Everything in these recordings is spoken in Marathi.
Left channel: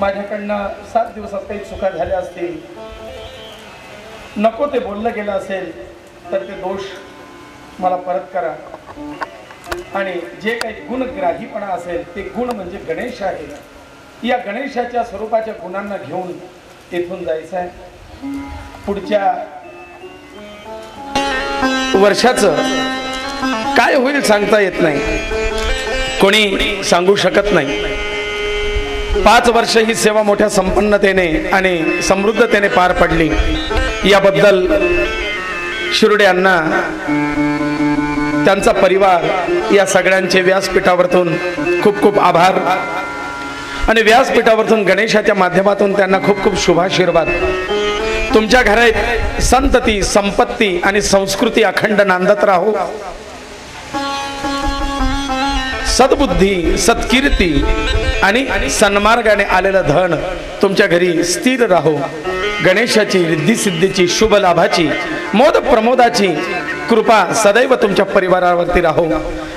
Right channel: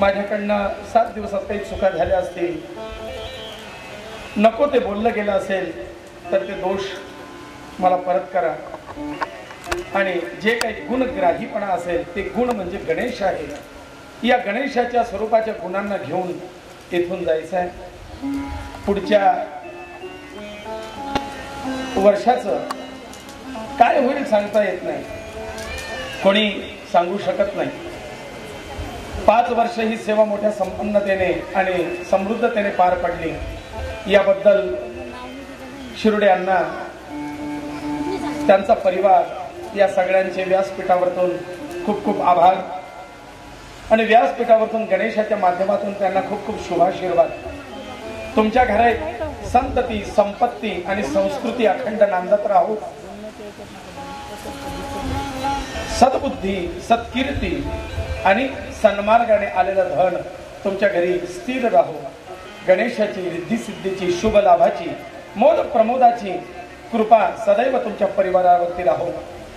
माझ्याकडनं 7 दिवसात काही चुका झाल्या असतील, नको ते बोललं गेलं असेल तर ते दोष मला परत करा. आणि जे काही गुणग्राहीपणा असेल ते गुण म्हणजे गणेश आहे. या गणेशाच्या स्वरूपाच्या गुणांना घेऊन इथून जायचं आहे. पुढच्या वर्षाचं काय होईल सांगता येत नाही, कोणी सांगू शकत नाही. 5 वर्ष ही सेवा मोठ्या संपन्नतेने आणि समृद्धतेने पार पडली. याबद्दल शिरोडे अण्णा, त्यांचा परिवार, या सगळ्यांचे व्यासपीठावरतून खूप खूप आभार. आणि व्यासपीठावरतून गणेशाच्या माध्यमातून त्यांना खूप खूप शुभाशीर्वाद. तुमच्या घरात संतती, संपत्ती आणि संस्कृती अखंड नांदत राहो. सद्बुद्धी, सत्कीर्ती आणि सन्मार्गाने आलेलं धन तुमच्या घरी स्थिर राहो. गणेशाची, रिद्धी सिद्धीची, शुभ लाभाची, मोद प्रमोदाची कृपा सदैव तुमच्या परिवारावरती राहो.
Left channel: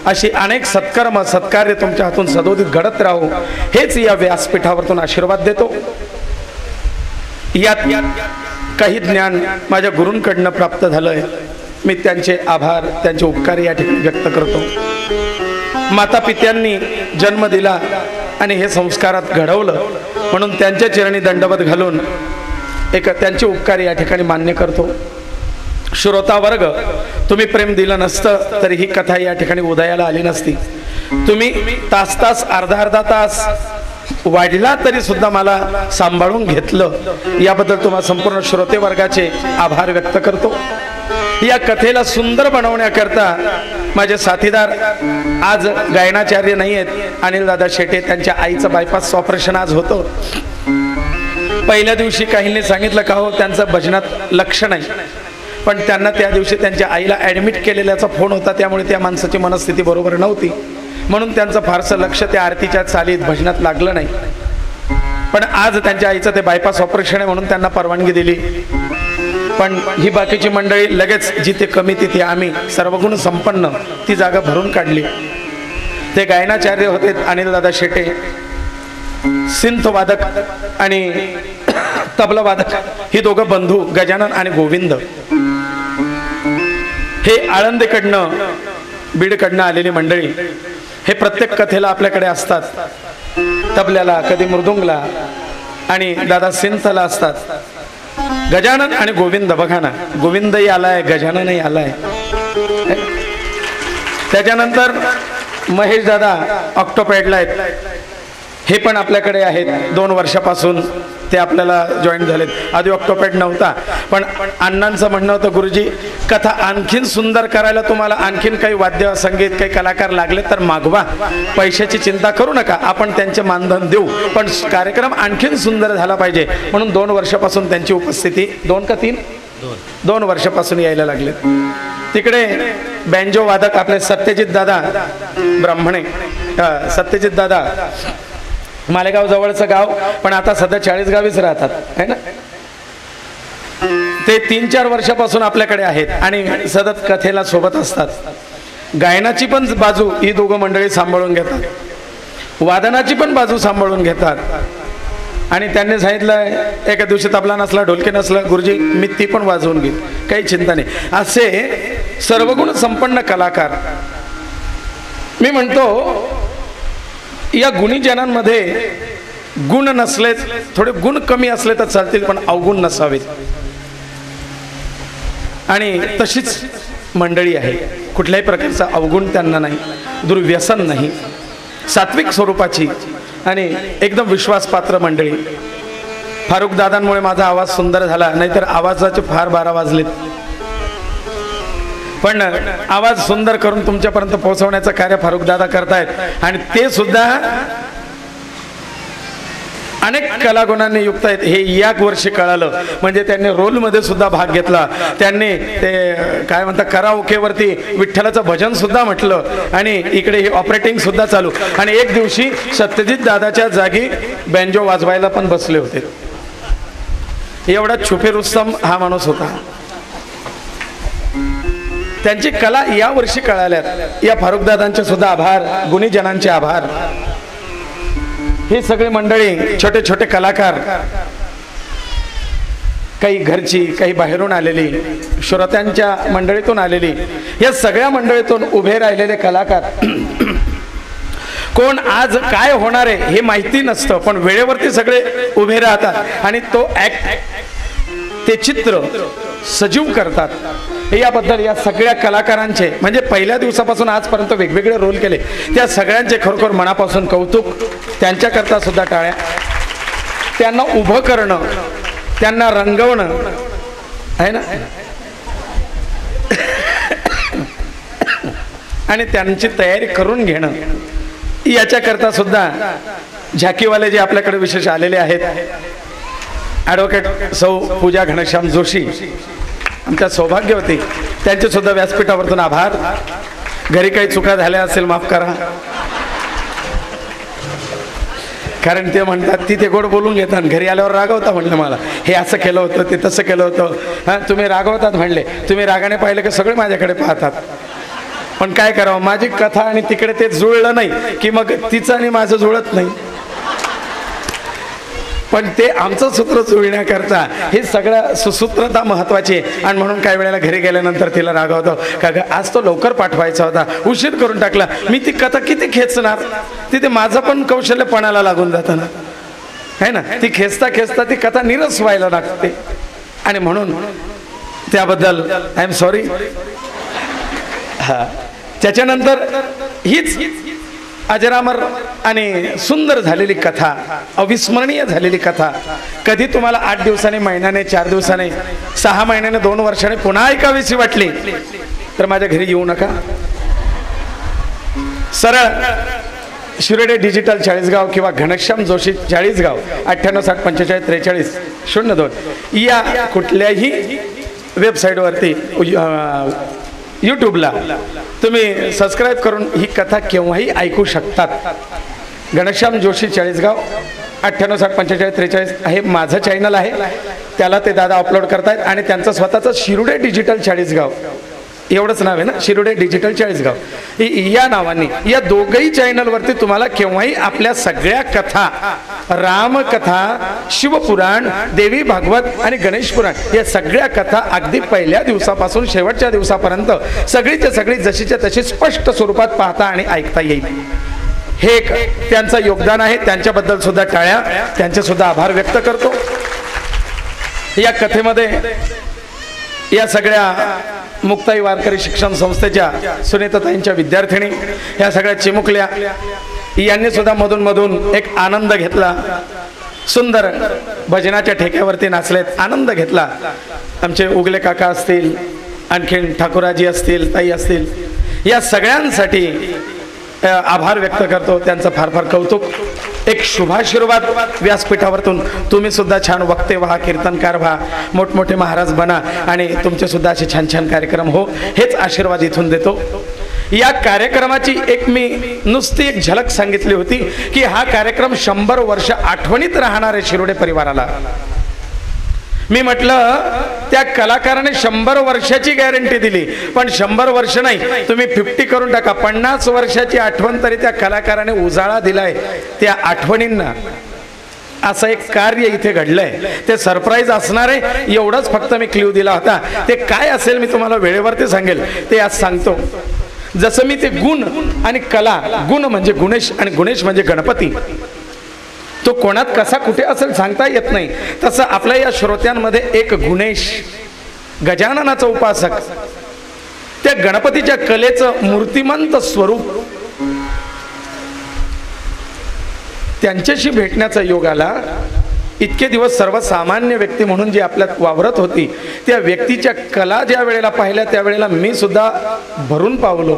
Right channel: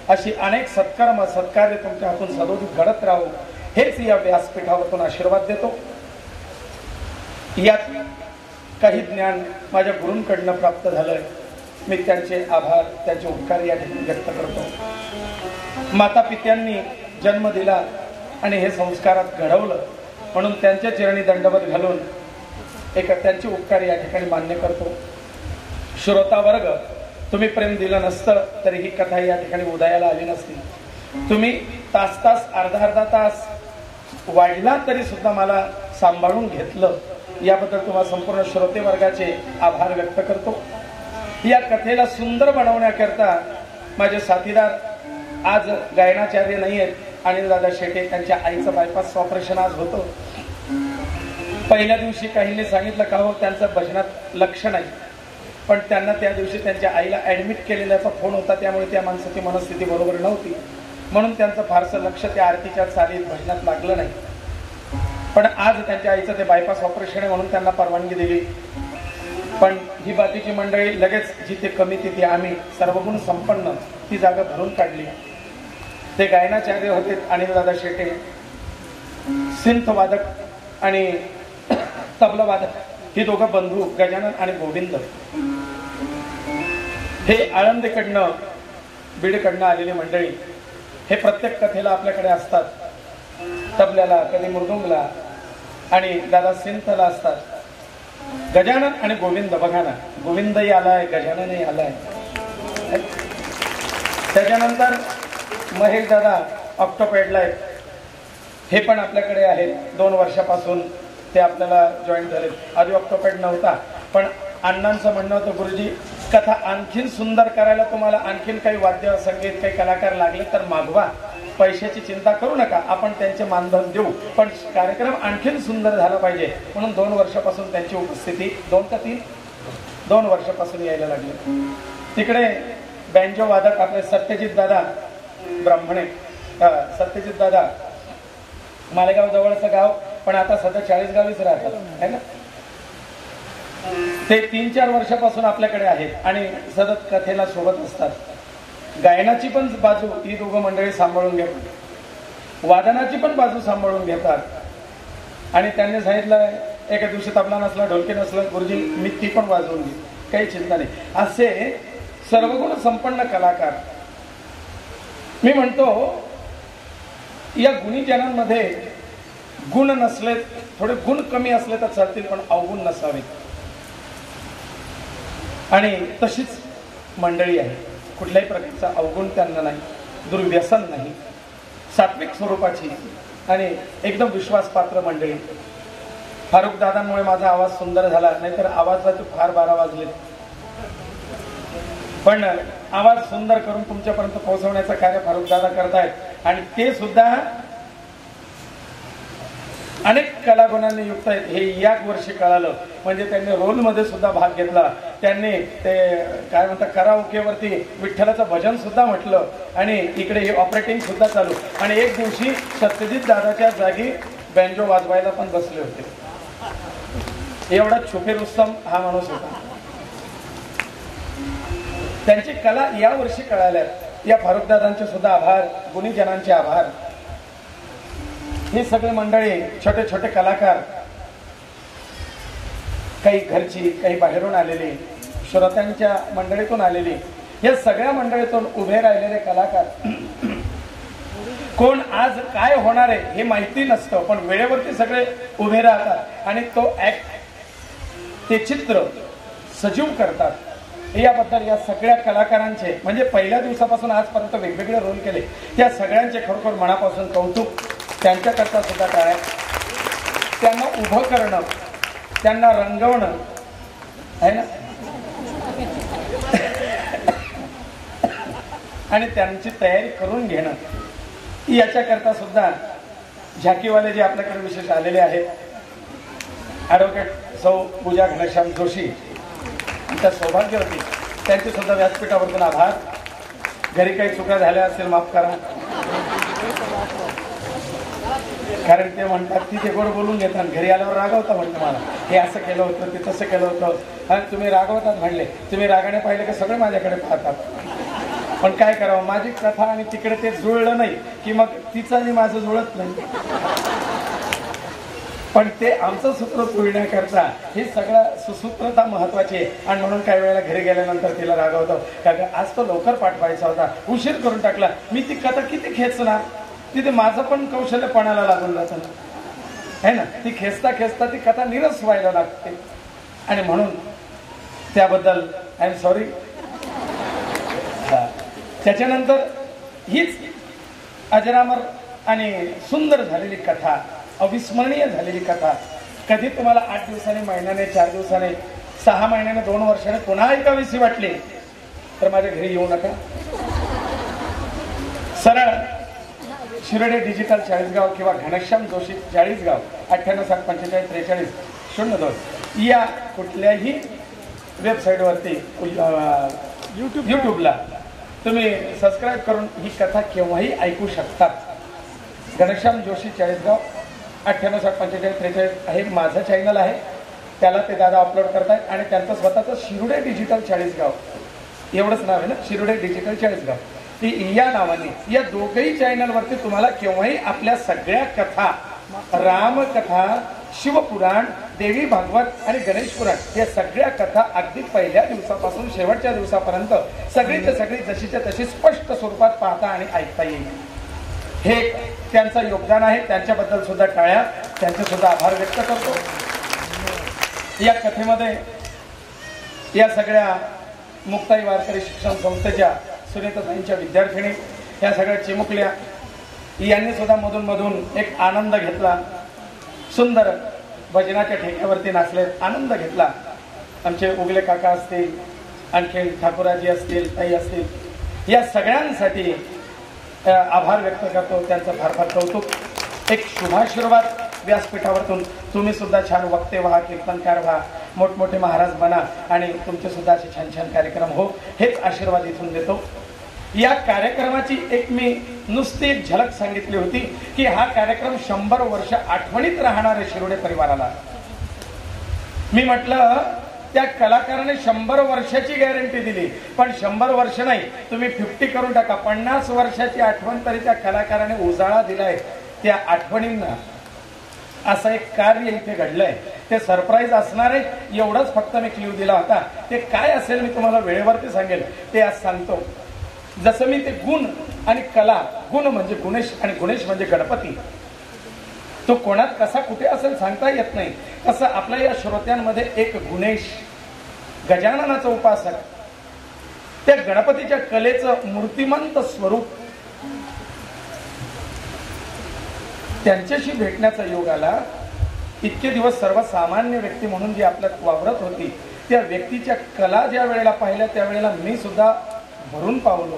अशी अनेक सत्कर्म, सत्कार्य तुमच्या हातून सदोदित घडत राहो, हेच या व्यासपीठावरतून आशीर्वाद देतो. यात काही ज्ञान माझ्या गुरूंकडनं प्राप्त झालंय. मी त्यांचे आभार, त्यांचे उपकार या ठिकाणी व्यक्त करतो. माता पित्यांनी जन्म दिला आणि हे संस्कारात घडवलं म्हणून त्यांच्या चरणी दंडवत घालून एक त्यांचे उपकार या ठिकाणी मान्य करतो. श्रोता वर्ग, तुम्ही प्रेम दिलं नसतं तरी ही कथा या ठिकाणी उदयाला आली नसती. तुम्ही तास तास, अर्धा अर्धा तास वाढला तरी सुद्धा मला सांभाळून घेतलं, याबद्दल तुम्हाला संपूर्ण श्रोते वर्गाचे आभार व्यक्त करतो. या कथेला सुंदर बनवण्याकरता माझे साथीदार आज गायनाचार्य नाही आहेत, अनिल दादा शेटे. त्यांच्या आईचं बायपास ऑपरेशन आज होतं. पहिल्या दिवशी काहींनी सांगितलं का हो त्यांचं भजनात लक्ष नाही, पण त्यांना त्या दिवशी त्यांच्या आईला ऍडमिट केलेल्याचा फोन होता, त्यामुळे त्या माणसाची मनस्थिती बरोबर नव्हती म्हणून त्यांचं फारसं लक्ष त्या आरतीच्या चालीत भजनात लागलं नाही. पण आज त्यांच्या आईचं ते बायपास ऑपरेशन आहे म्हणून त्यांना परवानगी दिली. पण ही बाकीची मंडळी लगेच जिथे कमी तिथे आम्ही, सर्वगुण संपन्न, ती जागा भरून काढली. ते गायनाचार्य होते अनिल दादा शेटे, सिंथ वादक आणि तबला वादक, ही दोघं बंधू गजानन आणि गोविंद. हे आळंदीकडनं, बीडकडनं आलेली मंडळी. हे प्रत्येक कथेला आपल्याकडे असतात. तबल्याला, कधी मृदुंगला आणि दादा सिंथला असतात. गजानन आणि गोविंद, बघा ना, गोविंदही आलाय, गजाननही आलाय. त्याच्यानंतर महेश दादा ऑक्टोपॅडला आहेत, हे पण आपल्याकडे आहेत. 2 वर्षापासून ते आपल्याला जॉईन झालेत. आधी ऑक्टोपॅड नव्हता, पण अण्णांचं म्हणणं होतं गुरुजी कथा आणखीन सुंदर करायला तुम्हाला आणखीन काही वाद्य संगीत, काही कलाकार लागले तर मागवा, पैशाची चिंता करू नका, आपण त्यांचे मानधन देऊ, पण कार्यक्रम आणखीन सुंदर झाला पाहिजे. म्हणून 2 वर्षापासून त्यांची उपस्थिती, 2 का 3, 2 वर्षापासून यायला लागले. तिकडे बँजो वादक आपले सत्यजित दादा ब्राह्मणे, सत्यजित दादा मालेगाव जवळचं गाव, पण आता सध्या 40 गावीच राहतात है ना. ते 3-4 वर्षापासून आपल्याकडे आहेत आणि सतत कथेला सोबत असतात. गायनाची पण बाजू ही दोघं मंडळी सांभाळून घेतात, वादनाची पण बाजू सांभाळून घेतात. आणि त्यांनी सांगितलं एका दिवशी तबला नसला, ढोलकी नसलं, गुरुजी मी ती पण वाजवून घेईन, काही चिंता नाही. असे सर्वगुण संपन्न कलाकार. मी म्हणतो या गुणीजनांमध्ये गुण नसले, थोडे गुण कमी असले तर चालतील, पण अवगुण नसावेत. आणि तशीच मंडळी आहे, कुठल्याही प्रकारचा अवगुण त्यांना नाही, दुर्व्यसन नाही, सात्विक स्वरूपाची आणि एकदम विश्वासपात्र मंडळी. फारुख दादांमुळे माझा आवाज सुंदर झाला, नाहीतर आवाजाचे फार 12 वाजलेत. पण आवाज सुंदर करून तुमच्यापर्यंत पोहोचवण्याचं कार्य फारुख दादा करतायत आणि ते सुद्धा अनेक कलागुणांनी युक्त आहेत. हे या वर्षी कळालं, म्हणजे त्यांनी रोल मध्ये सुद्धा भाग घेतला. त्यांनी ते काय म्हणतात कराओकेवरती विठ्ठलाचं भजन सुद्धा म्हटलं आणि इकडे हे ऑपरेटिंग सुद्धा चालू. आणि एक दिवशी सत्यजित दादाच्या जागी बँजो वाजवायला पण बसले होते. एवढा छुपे रुस्तम हा माणूस होता. त्यांची कला या वर्षी कळाल्यात. या फारुख दादांचे सुद्धा आभार, गुणीजनांचे आभार. ही सगळी मंडळी छोटे छोटे कलाकार, काही घरची काही बाहेरून आलेली, श्रोत्यांच्या मंडळीतून आलेली, या सगळ्या मंडळीतून उभे राहिलेले कलाकार, कोण आज काय होणार आहे हे माहिती नसतं, पण वेळेवरती सगळे उभे राहतात आणि तो ते चित्र सजीव करतात। याबद्दल या सगळ्या कलाकारांचे, म्हणजे पहिल्या दिवसापासून आजपर्यंत वेगवेगळे रोल केले, त्या सगळ्यांचे खरोखर मनापासून कौतुक। त्यांच्याकरता सुद्धा टाळ्या। त्यांना उभं करणं, त्यांना रंगवणं आहे ना, आणि त्यांची तयारी करून घेणं, याच्याकरता सुद्धा झाकीवाले जे आपल्याकडे विशेष आलेले आहेत, ॲडव्होकेट सौ पूजा घनश्याम जोशी, त्या सौभाग्यवती, त्यांचे सुद्धा व्यासपीठावरतून आभार। घरी काही चुका झाल्या असेल माफ करा, कारण ते म्हणतात ती ते गोड बोलून घेतात, घरी आल्यावर रागवता म्हणलं मला, हे असं केलं होतं ते तसं केलं होतं। हा, तुम्ही रागवतात म्हणले, तुम्ही रागाने पाहिलं की सगळे माझ्याकडे पाहतात, पण काय करावं, माझी कथा आणि तिकडे ते जुळलं नाही की मग तिचं आणि माझं जुळत नाही, पण ते आमचं सूत्र जुळण्याकरता हे सगळं सुसूत्रता महत्वाची आहे। आणि म्हणून काय वेळेला घरी गेल्यानंतर तिला रागवतो का ग, आज तो लवकर पाठवायचा होता, उशीर करून टाकला, मी ती कथा किती खेचणार, तिथे माझं पण कौशल्य पणाला लागून जातं ना, है ना, ती खेचता खेचता ती कथा निरस व्हायला लागते, आणि म्हणून त्याबद्दल आय एम सॉरी। हा, त्याच्यानंतर हीच अजरामर आणि सुंदर झालेली कथा, अविस्मरणीय झालेली कथा, कधी तुम्हाला 8 दिवसांनी, महिन्याने, 4 दिवसाने, 6 महिन्याने, 2 वर्षाने पुन्हा ऐकावीशी वाटली तर माझ्या घरी येऊ नका, सरळ शिरोडे डिजिटल चाळीसगाव किंवा घनश्याम जोशी चाळीसगाव 9875454342 या कुठल्याही वेबसाईटवरती यूट्यूबला तुम्ही सबस्क्राईब करून ही कथा केव्हाही ऐकू शकतात। घनश्याम जोशी चाळीसगाव 98754543 हे माझं चॅनल आहे, त्याला ते दादा अपलोड करतायत, आणि त्यांचं स्वतःचं शिरोडे डिजिटल चाळीसगाव एवढंच नाव आहे ना, शिरोडे डिजिटल चाळीसगाव, या नावाने या दोघही चॅनलवरती तुम्हाला केव्हाही आपल्या सगळ्या कथा, रामकथा, शिवपुराण, देवी भागवत आणि गणेश पुराण या सगळ्या कथा अगदी पहिल्या दिवसापासून शेवटच्या दिवसापर्यंत सगळीच्या सगळी जशीच्या तशी स्पष्ट स्वरूपात पाहता आणि ऐकता येईल। हे एक त्यांचं योगदान आहे, त्यांच्याबद्दल सुद्धा टाळ्या, त्यांचे सुद्धा आभार व्यक्त करतो। या कथेमध्ये या सगळ्या मुक्ताई वारकरी शिक्षण संस्थेच्या सुनीताताईंच्या विद्यार्थिनी या सगळ्या चिमुकल्या, यांनी सुद्धा मधून मधून एक आनंद घेतला, सुंदर भजनाच्या ठेक्यावरती नाचलेत, आनंद घेतला। आमचे उगले काका असतील, आणखीन ठाकुराजी असतील, ताई असतील, या सगळ्यांसाठी आभार व्यक्त करतो, त्यांचं फार फार कौतुक। एक शुभाशीर्वाद व्यासपीठावरतून तुम्ही सुद्धा छान वक्ते व्हा, कीर्तनकार व्हा, मोठमोठे महाराज बना, आणि तुमचे सुद्धा असे छान छान कार्यक्रम हो, हेच आशीर्वाद इथून देतो। या कार्यक्रमाची एक मी नुसती झलक सांगितली होती की हा कार्यक्रम 100 वर्ष आठवणीत राहणार आहे शिरोडे परिवाराला। मी म्हटलं त्या कलाकाराने 100 वर्षाची गॅरंटी दिली, पण 100 वर्ष नाही, तुम्ही 50 करून टाका, 50 वर्षाची आठवण तरी त्या कलाकाराने उजाळा दिलाय त्या आठवणींना। असं एक कार्य इथे घडलंय, ते सरप्राईज असणार आहे, एवढंच फक्त मी क्ल्यू दिला होता। ते काय असेल मी तुम्हाला वेळेवरती सांगेल, ते आज सांगतो। जसं मी ते गुण आणि कला, गुण म्हणजे गुणेश आणि गुणेश म्हणजे गणपती, तो कोणात कसा कुठे असेल सांगता येत नाही, तसं आपल्या या श्रोत्यांमध्ये एक गुणेश, गजाननाचा उपासक, त्या गणपतीच्या कलेचं मूर्तिमंत स्वरूप, त्यांच्याशी भेटण्याचा योग आला। इतके दिवस सर्वसामान्य व्यक्ती म्हणून जी आपल्यात वावरत होती, त्या व्यक्तीच्या कला ज्या वेळेला पाहिल्या त्यावेळेला मी सुद्धा भरून पावलो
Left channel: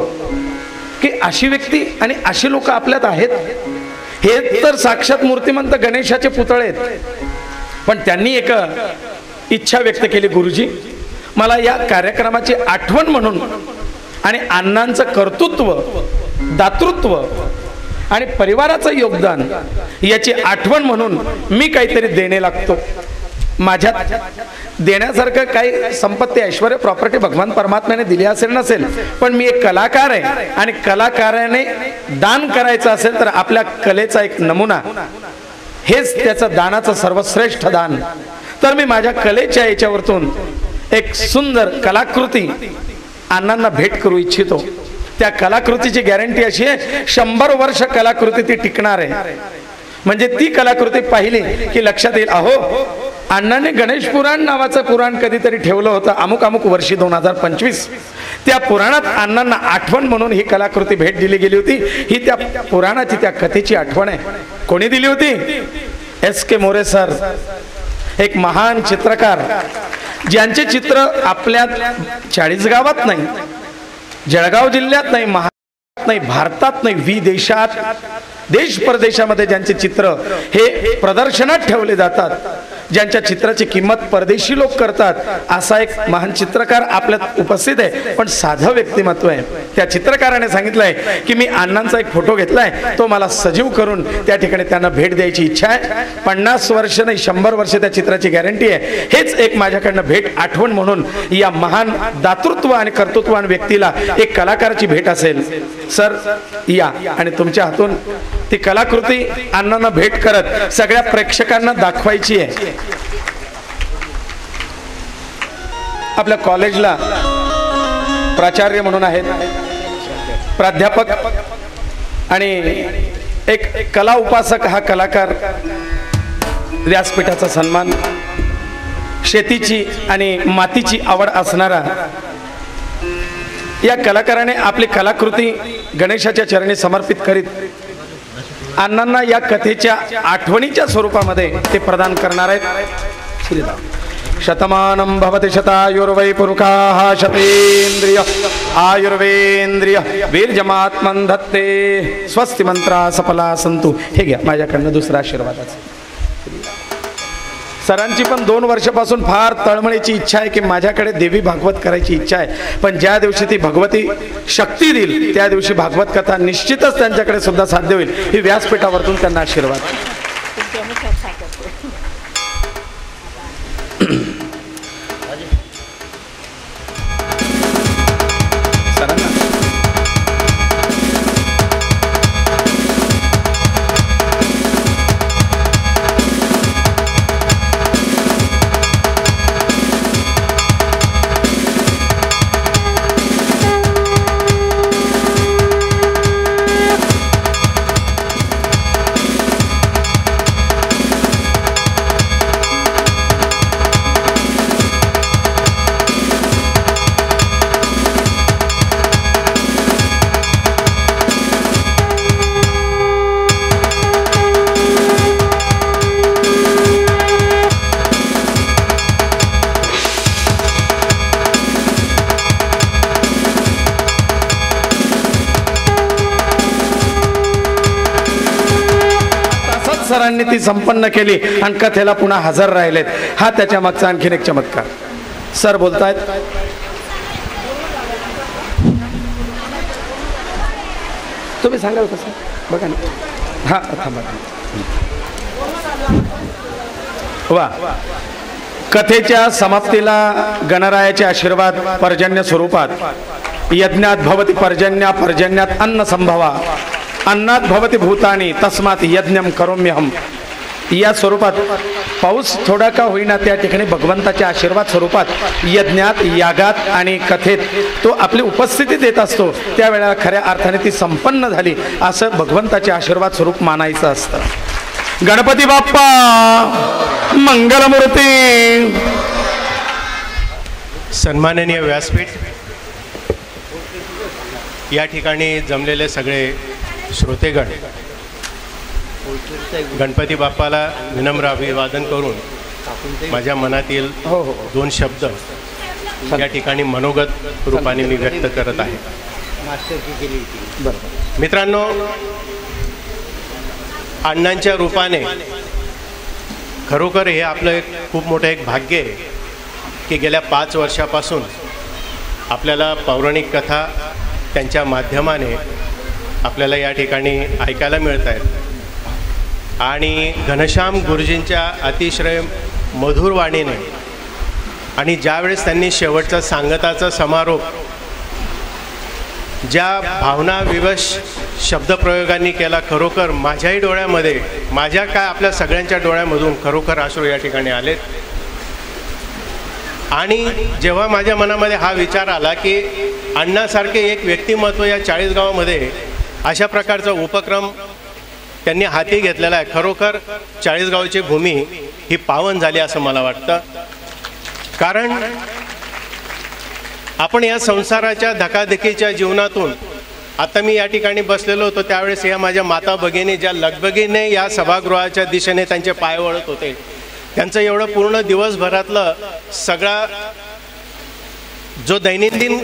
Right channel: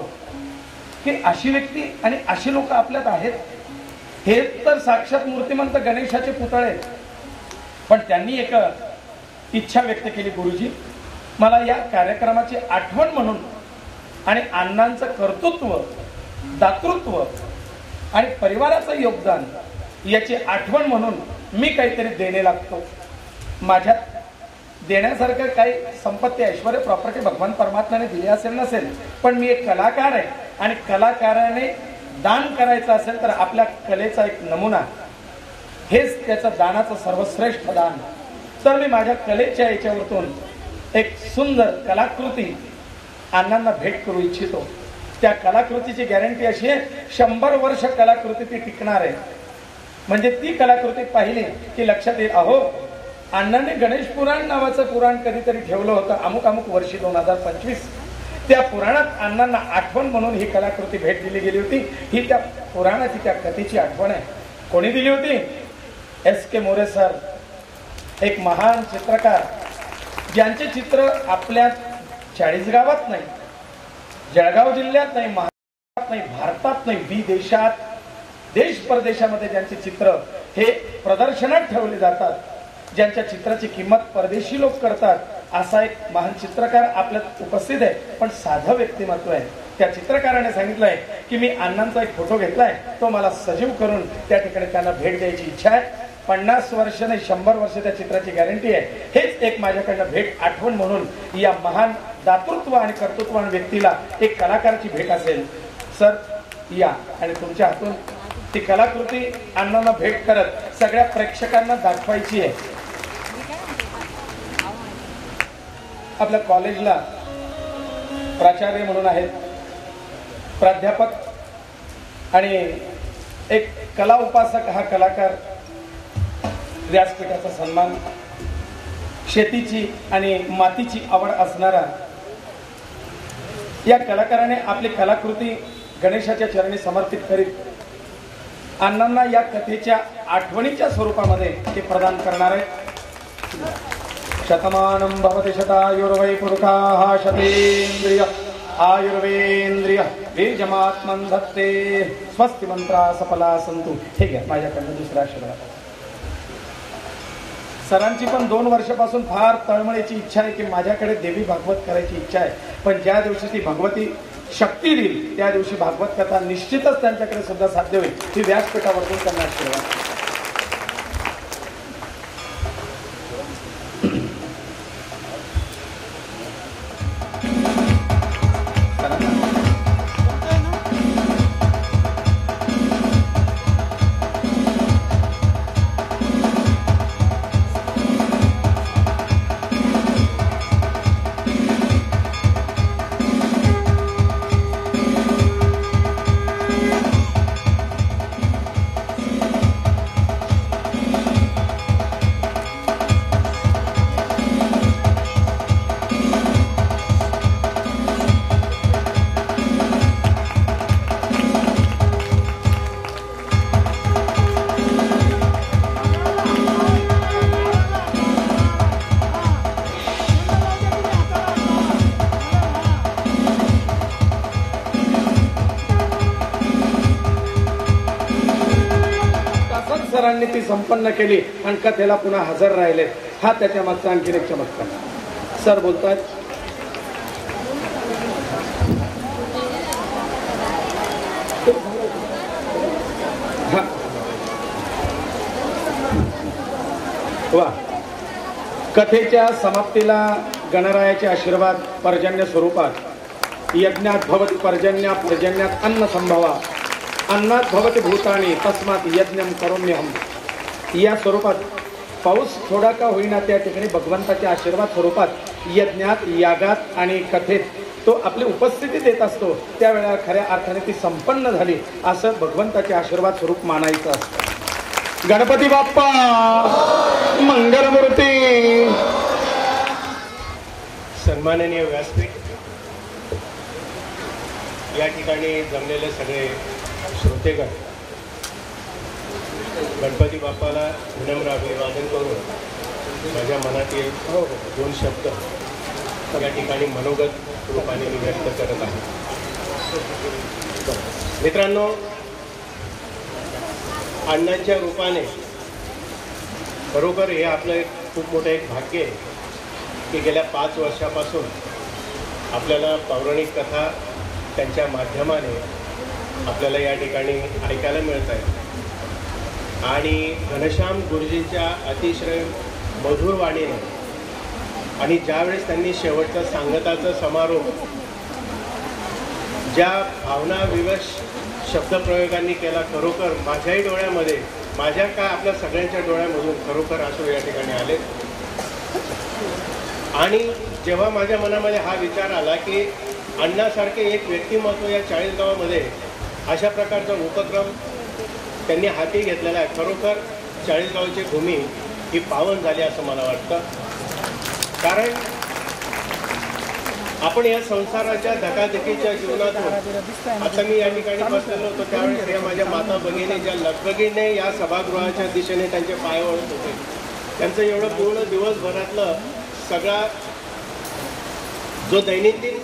की अशी व्यक्ती आणि अशी लोक आपल्यात आहेत। हे तर साक्षात मूर्तिमंत गणेशाचे पुतळे आहेत, पण त्यांनी एक इच्छा व्यक्त केली, गुरुजी मला या कार्यक्रमाची आठवण म्हणून आणि अण्णांचं कर्तृत्व, दातृत्व आणि परिवाराचं योगदान याची आठवण म्हणून मी काहीतरी देणे लागतो। माझ्यात देण्यासारखं काही संपत्ती ऐश्वर प्रॉपर्टी भगवान परमात्म्याने दिली असेल नसेल, पण मी एक कलाकार आहे आणि कलाकाराने दान करायचं असेल तर आपल्या कलेचा एक नमुना हेच त्याचं दानाचं सर्वश्रेष्ठ दान. तर मी माझ्या कलेच्या याच्यावरतून एक सुंदर कलाकृती अण्णांना भेट करू इच्छितो. त्या कलाकृतीची गॅरंटी अशी आहे 100 वर्ष कलाकृती ती टिकणार आहे. म्हणजे ती कलाकृती पाहिली की लक्षात येईल, अहो अण्णांनी गणेश पुराण नावाचं पुराण कधीतरी ठेवलं होतं अमुक अमुक वर्षी 2025. त्या पुराणात अण्णांना आठवण म्हणून ही कलाकृती भेट दिली गेली होती. ही त्या पुराणाची त्या कथेची आठवण आहे. कोणी दिली होती? S.K. मोरे सर, एक महान चित्रकार ज्यांचे चित्र आपल्या 40 गावात नाही, जळगाव जिल्ह्यात नाही, महाराष्ट्रात नाही, भारतात नाही, विदेशात देश परदेशामध्ये ज्यांचे चित्र हे प्रदर्शनात ठेवले जातात, ज्यांच्या चित्राची किंमत परदेशी लोक करतात, असा एक महान चित्रकार आपल्यात उपस्थित आहे. पण साधं व्यक्तिमत्व आहे. त्या चित्रकाराने सांगितलंय की मी अण्णांचा एक फोटो घेतलाय, तो मला सजीव करून त्या ठिकाणी त्यांना भेट द्यायची इच्छा आहे. 50 वर्ष नाही 100 वर्ष त्या चित्राची गॅरंटी आहे. हेच एक माझ्याकडनं भेट आठवण म्हणून या महान दातृत्व आणि कर्तृत्ववान व्यक्तीला एक कलाकाराची भेट असेल. सर या आणि तुमच्या हातून ती कलाकृती अण्णांना भेट करत सगळ्या प्रेक्षकांना दाखवायची आहे. आपल्या कॉलेजला प्राचार्य म्हणून आहेत, प्राध्यापक आणि एक कला उपासक हा कलाकार, व्यासपीठाचा सन्मान, शेतीची आणि मातीची आवड असणारा या कलाकाराने आपली कलाकृती गणेशाच्या चरणी समर्पित करीत अण्णांना या कथेच्या आठवणीच्या स्वरूपामध्ये ते प्रदान करणार आहेत. शतमानं भवति शतायुर्वै पुरुषाः शतेन्द्रिय आयुर्वेंद्रिय वीर्यमात्मन् धत्ते स्वस्ति मंत्रा सफला संतु. हे घ्या माझ्याकडनं दुसरा आशीर्वादाचा. सरांची पण 2 वर्षापासून फार तळमळीची इच्छा आहे की माझ्याकडे देवी भागवत करायची इच्छा आहे. पण ज्या दिवशी ती भगवती शक्ती देईल त्या दिवशी भागवत कथा निश्चितच त्यांच्याकडे सुद्धा साध्य होईल. ही व्यासपीठावरून त्यांना आशीर्वाद. सरांनी ती संपन्न केली आणि कथेला पुन्हा हजर राहिले. हा त्याच्या मागचा आणखीन एक चमत्कार. सर बोलतायत. तुम्ही सांगा कसं बघा ना. हा वा. कथेच्या समाप्तीला गणरायाचे आशीर्वाद पर्जन्य स्वरूपात. यज्ञात भवति पर्जन्या पर्जन्यात अन्न संभवा अन्नात भवति भूतानी तस्मात यज्ञम करोम्यहम. या स्वरूपात पाऊस थोडा का होईना त्या ठिकाणी भगवंताच्या आशीर्वाद स्वरूपात यज्ञात यागात आणि कथेत तो आपली उपस्थिती देत असतो. त्यावेळेला खऱ्या अर्थाने ती संपन्न झाली असं भगवंताचे आशीर्वाद स्वरूप मानायचं असतं. गणपती बाप्पा मंगलमूर्ती. सन्माननीय व्यासपीठ, या ठिकाणी जमलेले सगळे श्रोतेगण, गणपती बाप्पाला विनम्र अभिवादन करून माझ्या मनातील 2 शब्द या ठिकाणी मनोगत रूपाने मी व्यक्त करत आहे. मित्रांनो, अण्णांच्या रूपाने खरोखर हे आपलं खूप मोठं एक भाग्य आहे की गेल्या 5 वर्षापासून आपल्याला पौराणिक कथा त्यांच्या माध्यमाने आपल्याला या ठिकाणी ऐकायला मिळत आहेत. आणि घनश्याम गुरुजींच्या अतिशय मधुर वाणीने आणि ज्यावेळेस त्यांनी शेवटचा सांगताचा समारोप ज्या भावनाविवश शब्दप्रयोगांनी केला, खरोखर माझ्याही डोळ्यामध्ये, माझ्या काय आपल्या सगळ्यांच्या डोळ्यामधून खरोखर अश्रू या ठिकाणी आले. आणि जेव्हा माझ्या मनामध्ये हा विचार आला की अण्णासारखे एक व्यक्तिमत्व या 40 गावामध्ये अशा प्रकारचा उपक्रम त्यांनी हाती घेतलेला आहे, खरोखर 40 गावची भूमी ही पावन झाली असं मला वाटतं. कारण आपण या संसाराच्या धकाधकीच्या जीवनातून, आता मी या ठिकाणी बसलेलो होतो त्यावेळेस या माझ्या माता भगिनी ज्या लगबगीने या सभागृहाच्या दिशेने त्यांचे पाय वळत होते, त्यांचं एवढं पूर्ण दिवसभरातलं सगळा जो दैनंदिन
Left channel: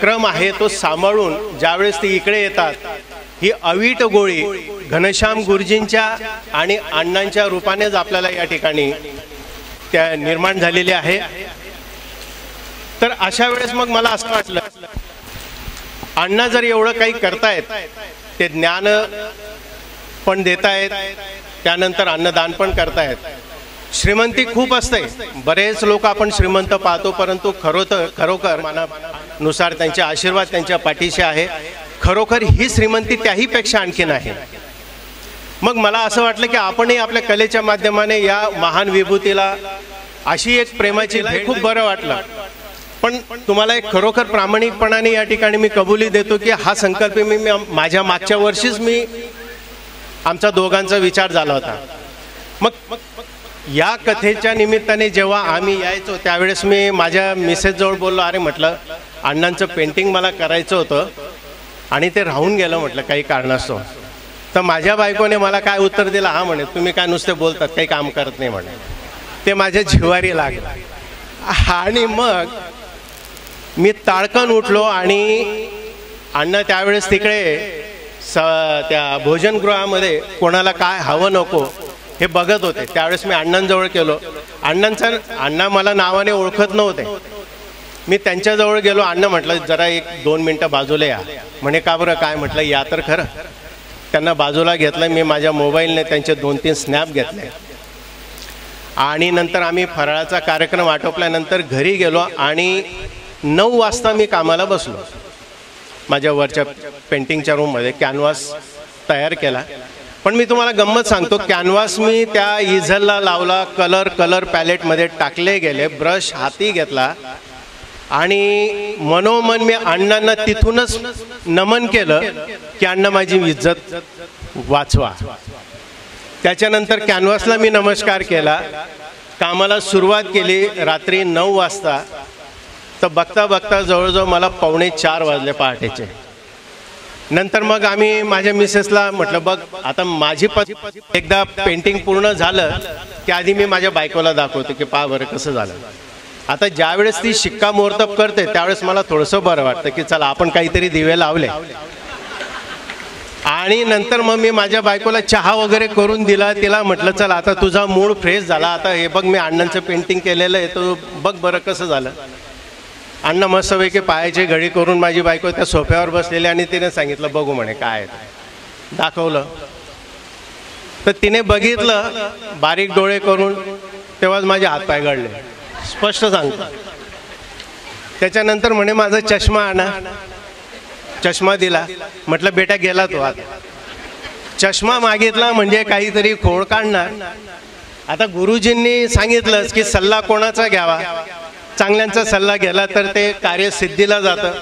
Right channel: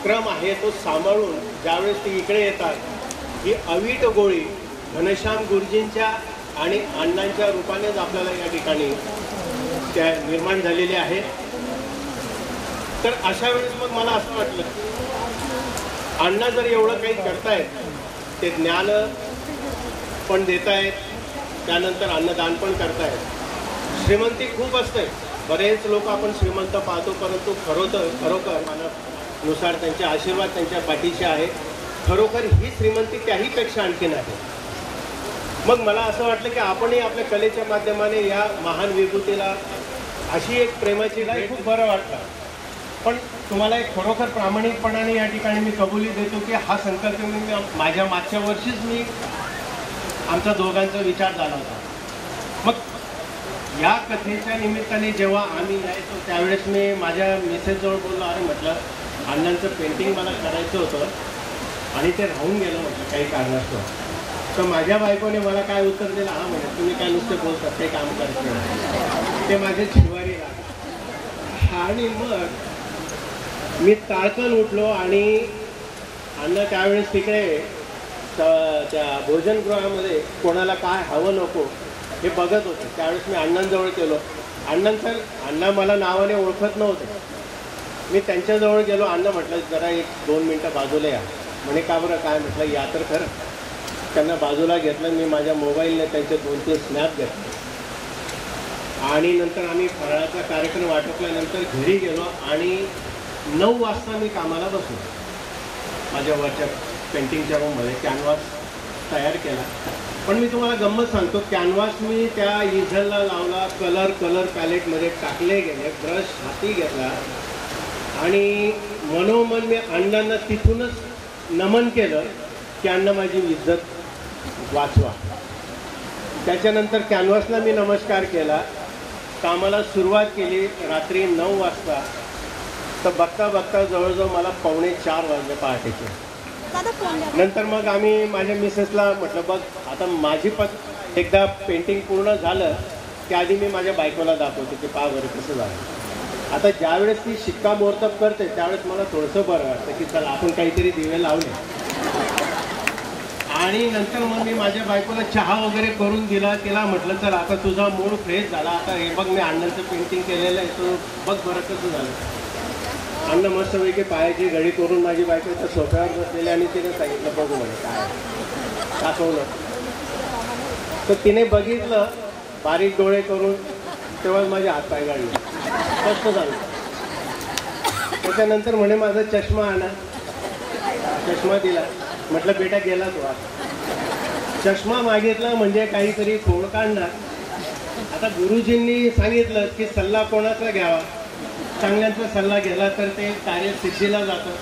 क्रम आहे तो सांभाळून ज्यावेळेस ते इकडे येतात, ही अवीट गोळी घनश्याम गुरुजींच्या आणि अण्णांच्या रूपानेच आपल्याला या ठिकाणी त्या निर्माण झालेली आहे. तर अशा वेळेस मग मला असं वाटलं, अण्णा जर एवढं काही करतायत, ते ज्ञान पण देतायत, त्यानंतर अन्नदान पण करतायत. श्रीमंती खूप असते, बरेच लोक आपण श्रीमंत पाहतो, परंतु खरोखर मनानुसार त्यांचे आशीर्वाद त्यांच्या पाठीशी आहे. खरोखर ही श्रीमंती त्याहीपेक्षा आणखीन आहे. मग मला असं वाटलं की आपणही आपल्या कलेच्या माध्यमाने या महान विभूतीला अशी एक प्रेमाची भेट, खूप बरं वाटलं. पण तुम्हाला एक खरोखर प्रामाणिकपणाने या ठिकाणी मी कबुली देतो की हा संकल्प मी माझ्या मागच्या वर्षीच आमचा दोघांचा विचार झाला होता. मग या कथेच्या निमित्ताने जेव्हा आम्ही यायचो त्यावेळेस मी माझ्या मिसेसजवळ बोललो, अरे म्हटलं अण्णांचं पेंटिंग मला करायचं होतं आणि ते राहून गेलं म्हटलं काही कारणास्तव. तर माझ्या बायकोने मला काय उत्तर दिलं, हा म्हणे तुम्ही काय नुसते बोलतात, काही काम करत नाही म्हटलं. ते माझ्या जिव्हारी लागलं. आणि मग मी ताडकन उठलो आणि अण्णा त्यावेळेस तिकडे त्या भोजनगृहामध्ये कोणाला काय हवं नको हे बघत होते. त्यावेळेस मी अण्णांजवळ गेलो. अण्णा मला नावाने ओळखत नव्हते. मी त्यांच्याजवळ गेलो. अण्णा म्हटलं जरा 1-2 मिनटं बाजूला या. म्हणे का बरं, काय म्हटलं या तर खरं. त्यांना बाजूला घेतलं. मी माझ्या मोबाईलने त्यांचे 2-3 स्नॅप घेतले आणि नंतर आम्ही फराळाचा कार्यक्रम आटोपल्यानंतर घरी गेलो आणि 9 वाजता मी कामाला बसलो. माझ्या वरच्या पेंटिंगच्या रूममध्ये कॅनव्हास तयार केला. पण मी तुम्हाला गंमत सांगतो, कॅनव्हास मी त्या इझलला लावला, कलर पॅलेटमध्ये टाकले गेले, ब्रश हाती घेतला आणि मनोमन मी अण्णांना तिथूनच नमन केलं की अण्णा माझी इज्जत वाचवा. त्याच्यानंतर कॅनव्हासला मी नमस्कार केला. कामाला सुरुवात केली रात्री 9 वाजता. तर बघता बघता जवळजवळ मला 3:45 वाजले पहाटेचे. नंतर मग आम्ही माझ्या मिसेसला म्हटलं, बघ आता माझी एकदा पेंटिंग पूर्ण झालं की आधी मी माझ्या बायकोला दाखवतो की पहा बरं कसं झालं. आता ज्यावेळेस ती शिक्कामोर्तब करते त्यावेळेस मला थोडंसं बरं वाटतं की चला आपण काहीतरी दिवे लावले. आणि नंतर मग मी माझ्या बायकोला चहा वगैरे करून दिला. तिला म्हटलं चल आता तुझा मूड फ्रेश झाला, आता हे बघ मी अण्णांचं पेंटिंग केलेलं आहे, तो बघ बरं कसं झालं. अण्णा मस्तपैकी पायाची घडी करून माझी बायको त्या सोफ्यावर बसलेली आणि तिने सांगितलं बघू म्हणे काय. दाखवलं तर तिने बघितलं बारीक डोळे करून, तेव्हाच माझे हातपाय गळले, स्पष्ट सांगतो. त्याच्यानंतर म्हणे माझा चष्मा आणा. चष्मा दिला. म्हटलं बेटा गेला तो आता. चष्मा मागितला म्हणजे काहीतरी खोड काढणार. आता गुरुजींनी सांगितलंच की सल्ला कोणाचा घ्यावा, चांगल्यांचा सल्ला गेला तर ते कार्य सिद्धीला जातं.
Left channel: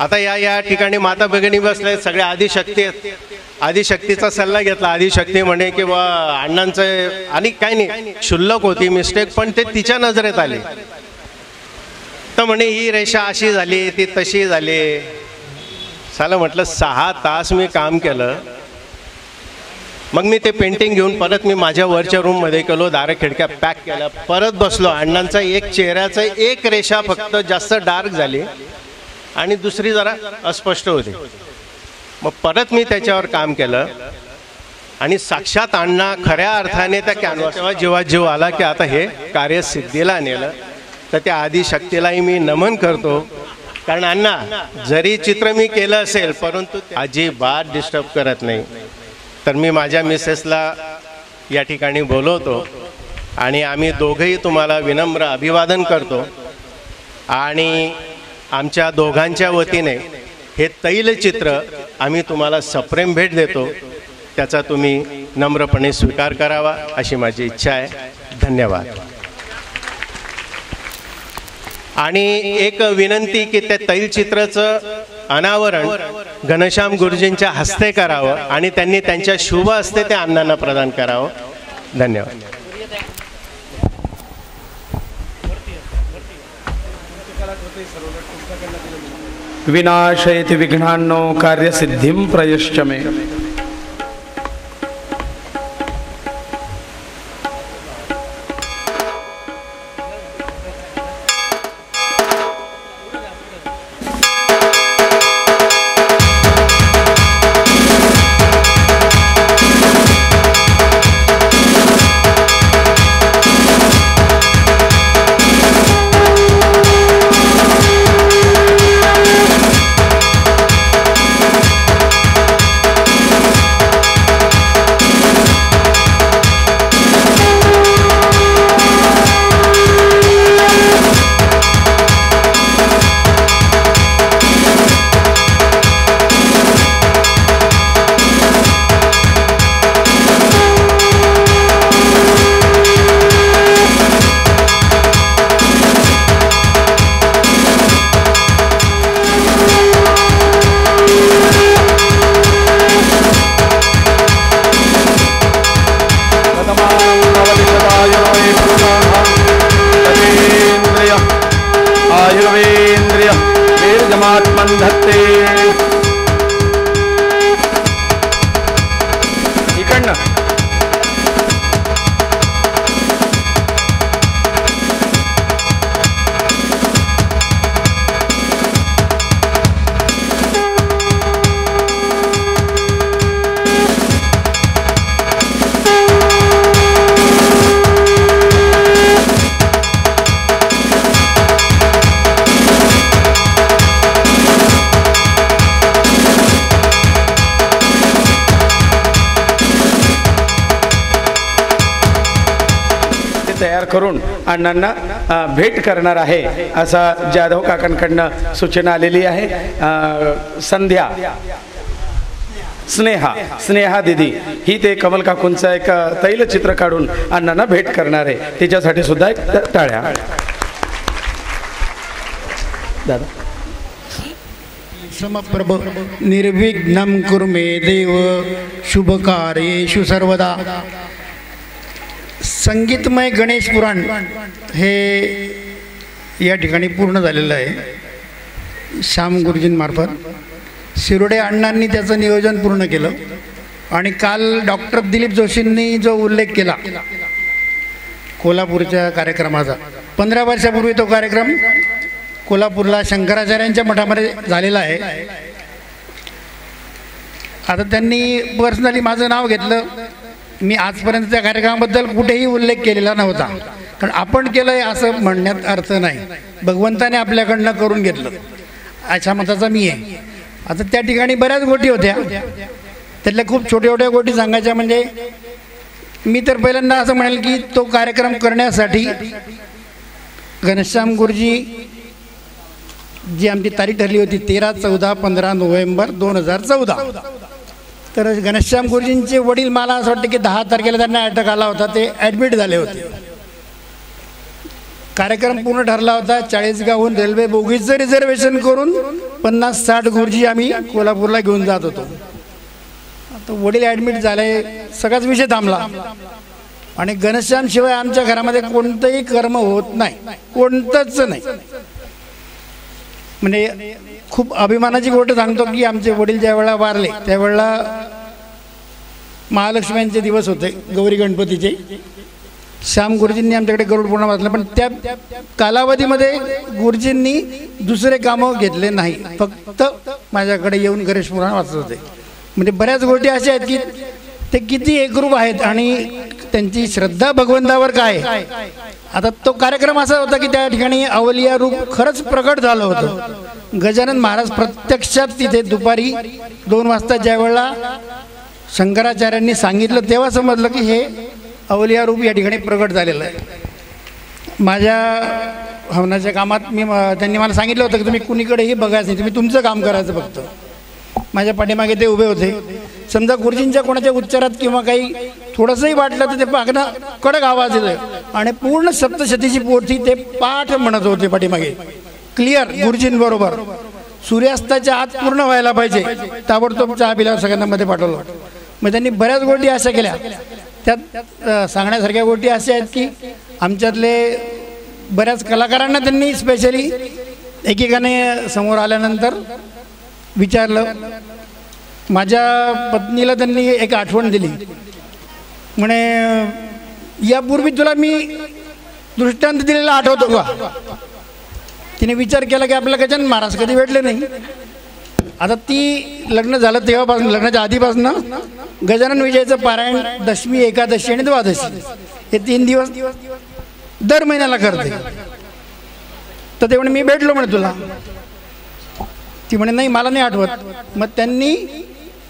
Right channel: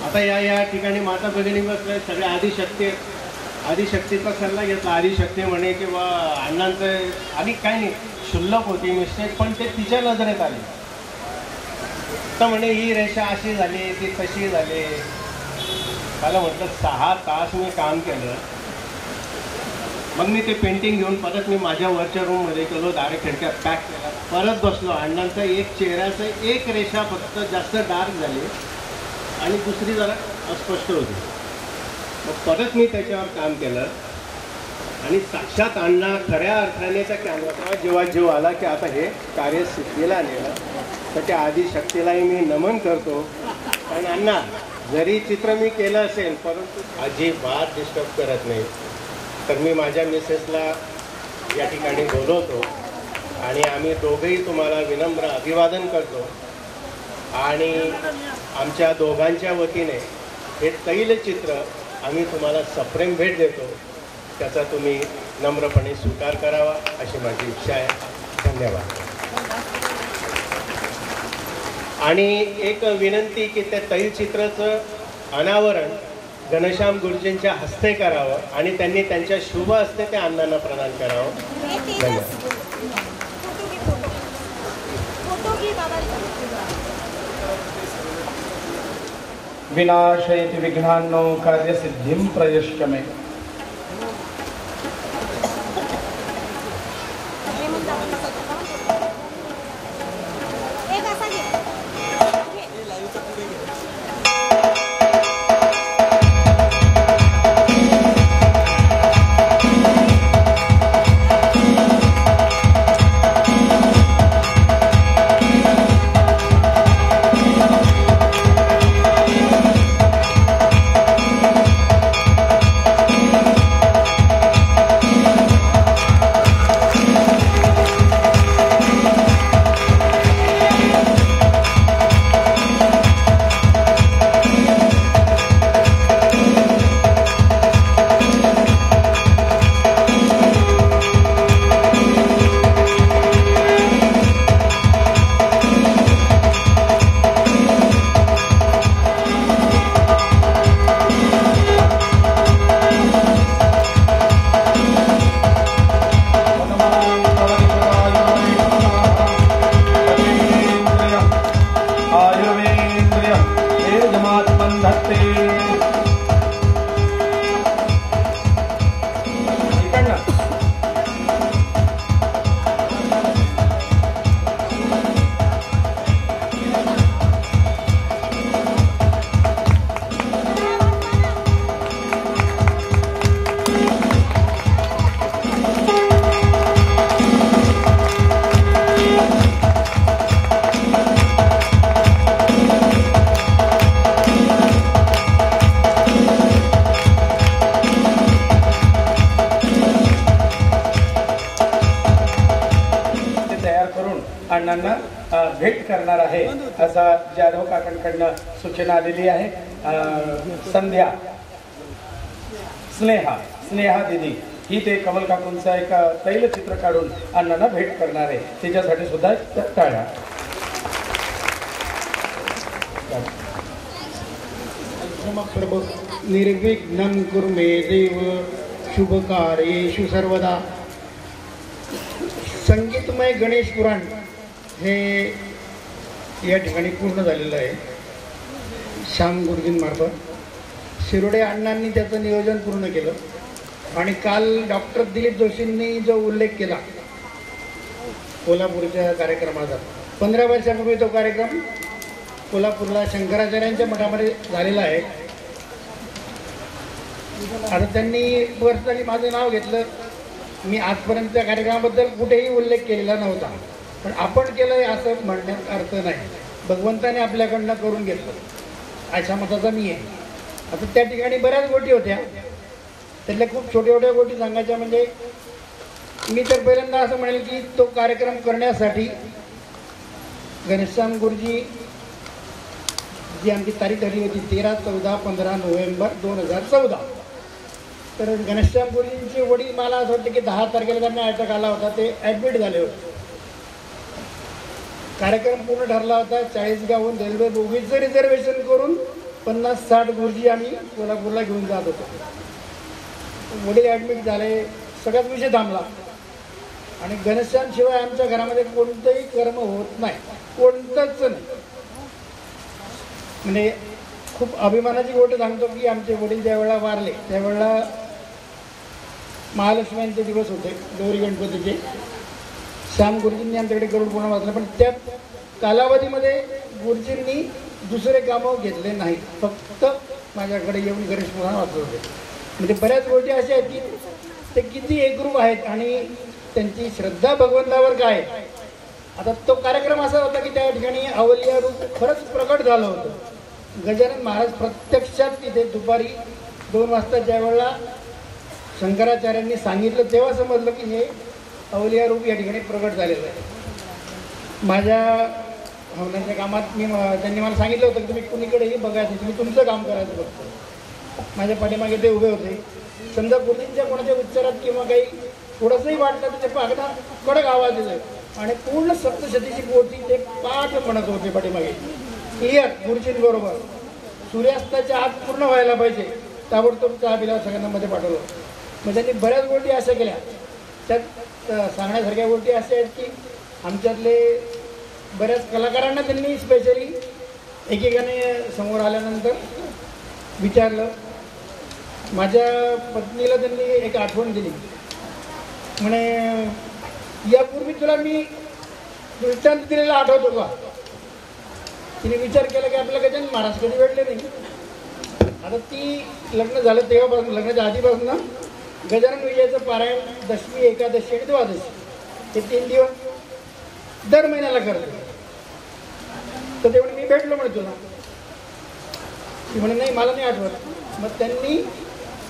आता या ठिकाणी माता भगिनी बसले, सगळे आदिशक्ती आहेत. आदिशक्तीचा सल्ला घेतला. आदिशक्ती म्हणे की बा अण्णांचं आणि काय नाही, क्षुल्लक होती मिस्टेक, पण ते तिच्या नजरेत आले. तर म्हणे ही रेषा अशी झाली, ती तशी झाली. साला म्हटलं 6 तास मी काम केलं. मग मी ते पेंटिंग घेऊन परत मी माझ्या वरच्या रूममध्ये गेलो, दारे खिडक्या पॅक केल्या, परत बसलो. अण्णांचा एक चेहऱ्याचा एक रेषा फक्त जास्त डार्क झाली आणि दुसरी जरा अस्पष्ट होती. मग परत मी त्याच्यावर काम केलं आणि साक्षात अण्णा खऱ्या अर्थाने त्या कॅनव्हासवर जेव्हा जीव आला की आता हे कार्य सिद्धीला नेलं, तर त्या आदिशक्तीलाही मी नमन करतो. कारण अण्णा जरी चित्र मी केलं असेल परंतु अजिबात डिस्टर्ब करत नाही. तर मी माझ्या मिसेसला या ठिकाणी बोलवतो आणि आम्ही दोघंही तुम्हाला विनम्र अभिवादन करतो आणि आमच्या दोघांच्या वतीने हे तैलचित्र आम्ही तुम्हाला सप्रेम भेट देतो, त्याचा तुम्ही नम्रपणे स्वीकार करावा अशी माझी इच्छा आहे. धन्यवाद. आणि एक विनंती की त्या तैलचित्राचं अनावरण घनश्याम गुरुजींच्या हस्ते करावं आणि त्यांनी त्यांच्या शुभ हस्ते त्या अण्णांना प्रदान करावं. धन्यवाद. विनाशयति विघ्नान्नो कार्यसिद्धिं प्रयश्च मे. करून अण्णांना भेट करणार आहे असा जाधव काकांकडनं सूचना आलेली आहे. संध्या स्नेहा दीदी ही ते कमल काकूंचं एक तैलचित्र काढून अण्णांना भेट करणार आहे. तिच्यासाठी सुद्धा एक टाळ्या. दादा समप्रभ निर्विघ्नं कुरु मे देव शुभकार्येषु सर्वदा. संगीतमय गणेश पुराण हे या ठिकाणी पूर्ण झालेलं आहे. श्याम गुरुजींमार्फत शिरोडे अण्णांनी त्याचं नियोजन पूर्ण केलं आणि काल डॉक्टर दिलीप जोशींनी जो उल्लेख केला कोल्हापूरच्या कार्यक्रमाचा, 15 वर्षापूर्वी तो कार्यक्रम कोल्हापूरला शंकराचार्यांच्या मठामध्ये झालेला आहे. आता त्यांनी पर्सनली माझं नाव घेतलं. मी आजपर्यंत त्या कार्यक्रमाबद्दल कुठेही उल्लेख केलेला नव्हता, कारण आपण केलं आहे असं म्हणण्यात अर्थ नाही. भगवंताने आपल्याकडनं करून घेतलं अशा मताचा मी आहे. आता त्या ठिकाणी बऱ्याच गोष्टी होत्या, त्यातल्या खूप छोट्या छोट्या गोष्टी सांगायच्या. म्हणजे मी तर पहिल्यांदा असं म्हणेल की तो कार्यक्रम करण्यासाठी घनश्याम गुरुजी जी आमची तारीख ठरली होती 13, 14, 15 नोव्हेंबर 2014. तर घनश्याम गुरुजींचे वडील, मला असं वाटतं की 10 तारखेला त्यांना अटॅक आला होता, ते ॲडमिट झाले होते. कार्यक्रम पूर्ण ठरला होता. 40 गावून रेल्वे बोगीचं रिझर्वेशन करून 50-60 गुरुजी आम्ही कोल्हापूरला घेऊन जात होतो. तर वडील ॲडमिट झाले, सगळाच विषय थांबला. आणि घनश्याम शिवाय आमच्या घरामध्ये कोणतंही कर्म होत नाही, कोणतंच नाही. म्हणजे खूप अभिमानाची गोष्ट सांगतो की आमचे वडील ज्या वेळेला वारले त्यावेळेला महालक्ष्म्यांचे दिवस होते, गौरी गणपतीचे. श्याम गुरुजींनी आमच्याकडे गरुड पूर्ण वाचलं, पण त्या कालावधीमध्ये गुरुजींनी दुसरे कामं घेतले नाही, फक्त माझ्याकडे येऊन गणेश पुराण वाचत होते. म्हणजे बऱ्याच गोष्टी अशा आहेत की ते किती एकरूप आहेत आणि त्यांची श्रद्धा भगवंतावर काय. आता तो कार्यक्रम असा होता की त्या ठिकाणी अवलिया रूप खरंच प्रकट झालं होतं. गजानन महाराज प्रत्यक्षात तिथे दुपारी 2 वाजता ज्या वेळेला शंकराचार्यांनी सांगितलं तेव्हा समजलं की हे अवलिया रूप या ठिकाणी प्रगट झालेला आहे। माझ्या हवनाच्या कामात त्यांनी मला सांगितलं होतं की तुम्ही कुणीकडेही बघायचं नाही, तुम्ही तुमचं काम करायचं फक्त। माझ्या पाठीमागे ते उभे होते। समजा गुरुजींच्या कोणाच्या उच्चारात किंवा काही थोडंसंही वाटलं तर ते पागणं कडक आवाज येतो आणि पूर्ण सप्तशतीची पोथी ते पाठ म्हणत होते पाठीमागे, क्लिअर गुरुजींबरोबर। सूर्यास्ताच्या आत पूर्ण व्हायला पाहिजे, ताबडतोब चहा पिल्यावर सगळ्यांना मध्ये पाठवलं। मग त्यांनी बऱ्याच गोष्टी अशा केल्या, त्यात सांगण्यासारख्या गोष्टी अशा आहेत की आमच्यातले बऱ्याच कलाकारांना त्यांनी स्पेशली एकेकाने समोर आल्यानंतर विचारलं। माझ्या पत्नीला त्यांनी एक आठवण दिली, म्हणे यापूर्वी तुला मी दृष्टांत दिलेला आठवतो का? तिने विचार केला की आपल्याला गजानन महाराज कधी भेटले नाही। आता ती लग्न झालं तेव्हापासून, लग्नाच्या आधीपासून गजानन विजयाचं पारायण दशमी, एकादशी आणि द्वादशी हे 3 दिवस दर महिन्याला करते। तर ते म्हणे मी भेटलो म्हणे तुला। ती म्हणे नाही मला नाही आठवत। मग त्यांनी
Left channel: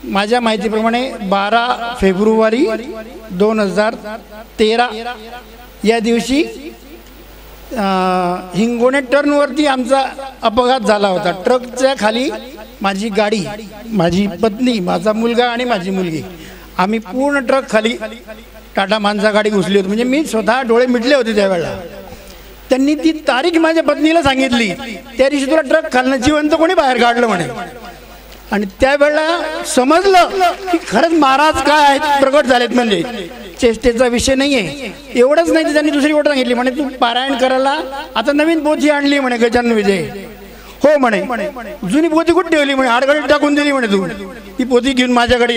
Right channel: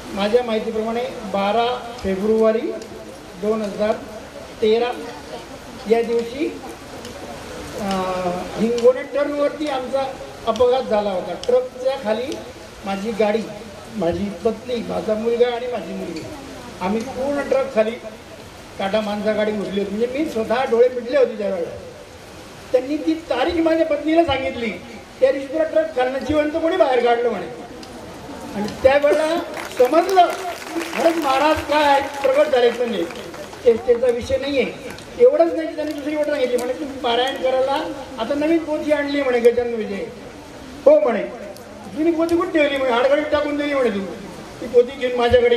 माझ्या माहितीप्रमाणे 12 फेब्रुवारी 2013 या दिवशी हिंगोणे टर्नवरती आमचा अपघात झाला होता। ट्रकच्या खाली माझी गाडी, माझी पत्नी, माझा मुलगा आणि माझी मुलगी, आम्ही पूर्ण ट्रक खाली टाटा माणसा गाडी घुसली होती। म्हणजे मी स्वतः डोळे मिटले होते त्यावेळेला। त्यांनी ती तारीख माझ्या पत्नीला सांगितली, त्या दिवशी तुला ट्रक खालनं जिवंत कोणी बाहेर काढलं म्हणे। आणि त्यावेळेला समजलं की खरंच महाराज काय प्रगट झालेत, म्हणजे चेष्टेचा विषय नाही आहे। एवढंच नाही तर त्यांनी दुसरी गोष्ट सांगितली, म्हणे तू पारायण करायला आता नवीन पोथी आणली म्हणे गजानन विजय। हो म्हणे, जुनी पोथी कुठे ठेवली म्हणे? आडगडीत टाकून दिली म्हणे तू। ती पोथी घेऊन माझ्याकडे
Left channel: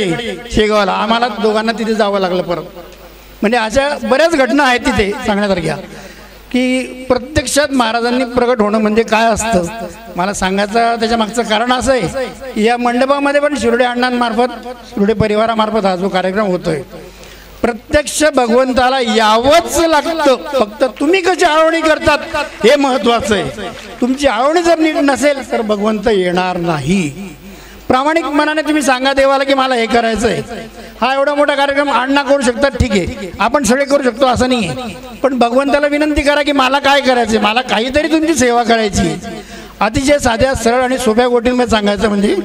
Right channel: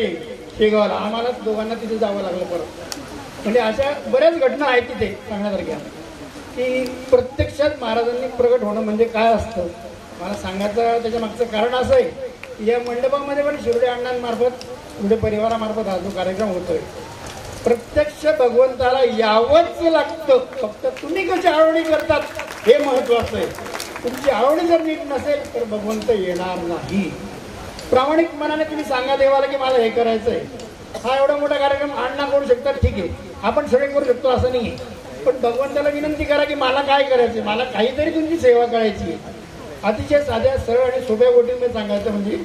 शेगावला, आम्हाला दोघांना तिथे जावं लागलं परत। म्हणजे अशा बऱ्याच घटना आहेत तिथे सांगण्यासारख्या की प्रत्यक्षात महाराजांनी प्रगट होणं म्हणजे काय असतं। मला सांगायचं त्याच्या मागचं कारण असं आहे, या मंडपामध्ये पण शिरोडे अण्णांमार्फत, शिरोडे परिवारामार्फत हा जो कार्यक्रम होतोय, प्रत्यक्ष भगवंताला यावंच लागतं। फक्त तुम्ही कशी आळवणी करतात हे महत्वाचं आहे। तुमची आळवणी जर नीट नसेल तर भगवंत येणार नाही। प्रामाणिक मनाने तुम्ही सांगा देवाला की मला हे करायचं आहे। हा एवढा मोठा कार्यक्रम अण्णा करू शकतात, ठीक आहे, आपण सगळे करू शकतो असं नाही आहे। पण भगवंताला विनंती करा की मला काय करायचं, मला काहीतरी तुमची सेवा करायची। अतिशय साध्या सरळ आणि सोप्या गोष्टींमध्ये सांगायचं म्हणजे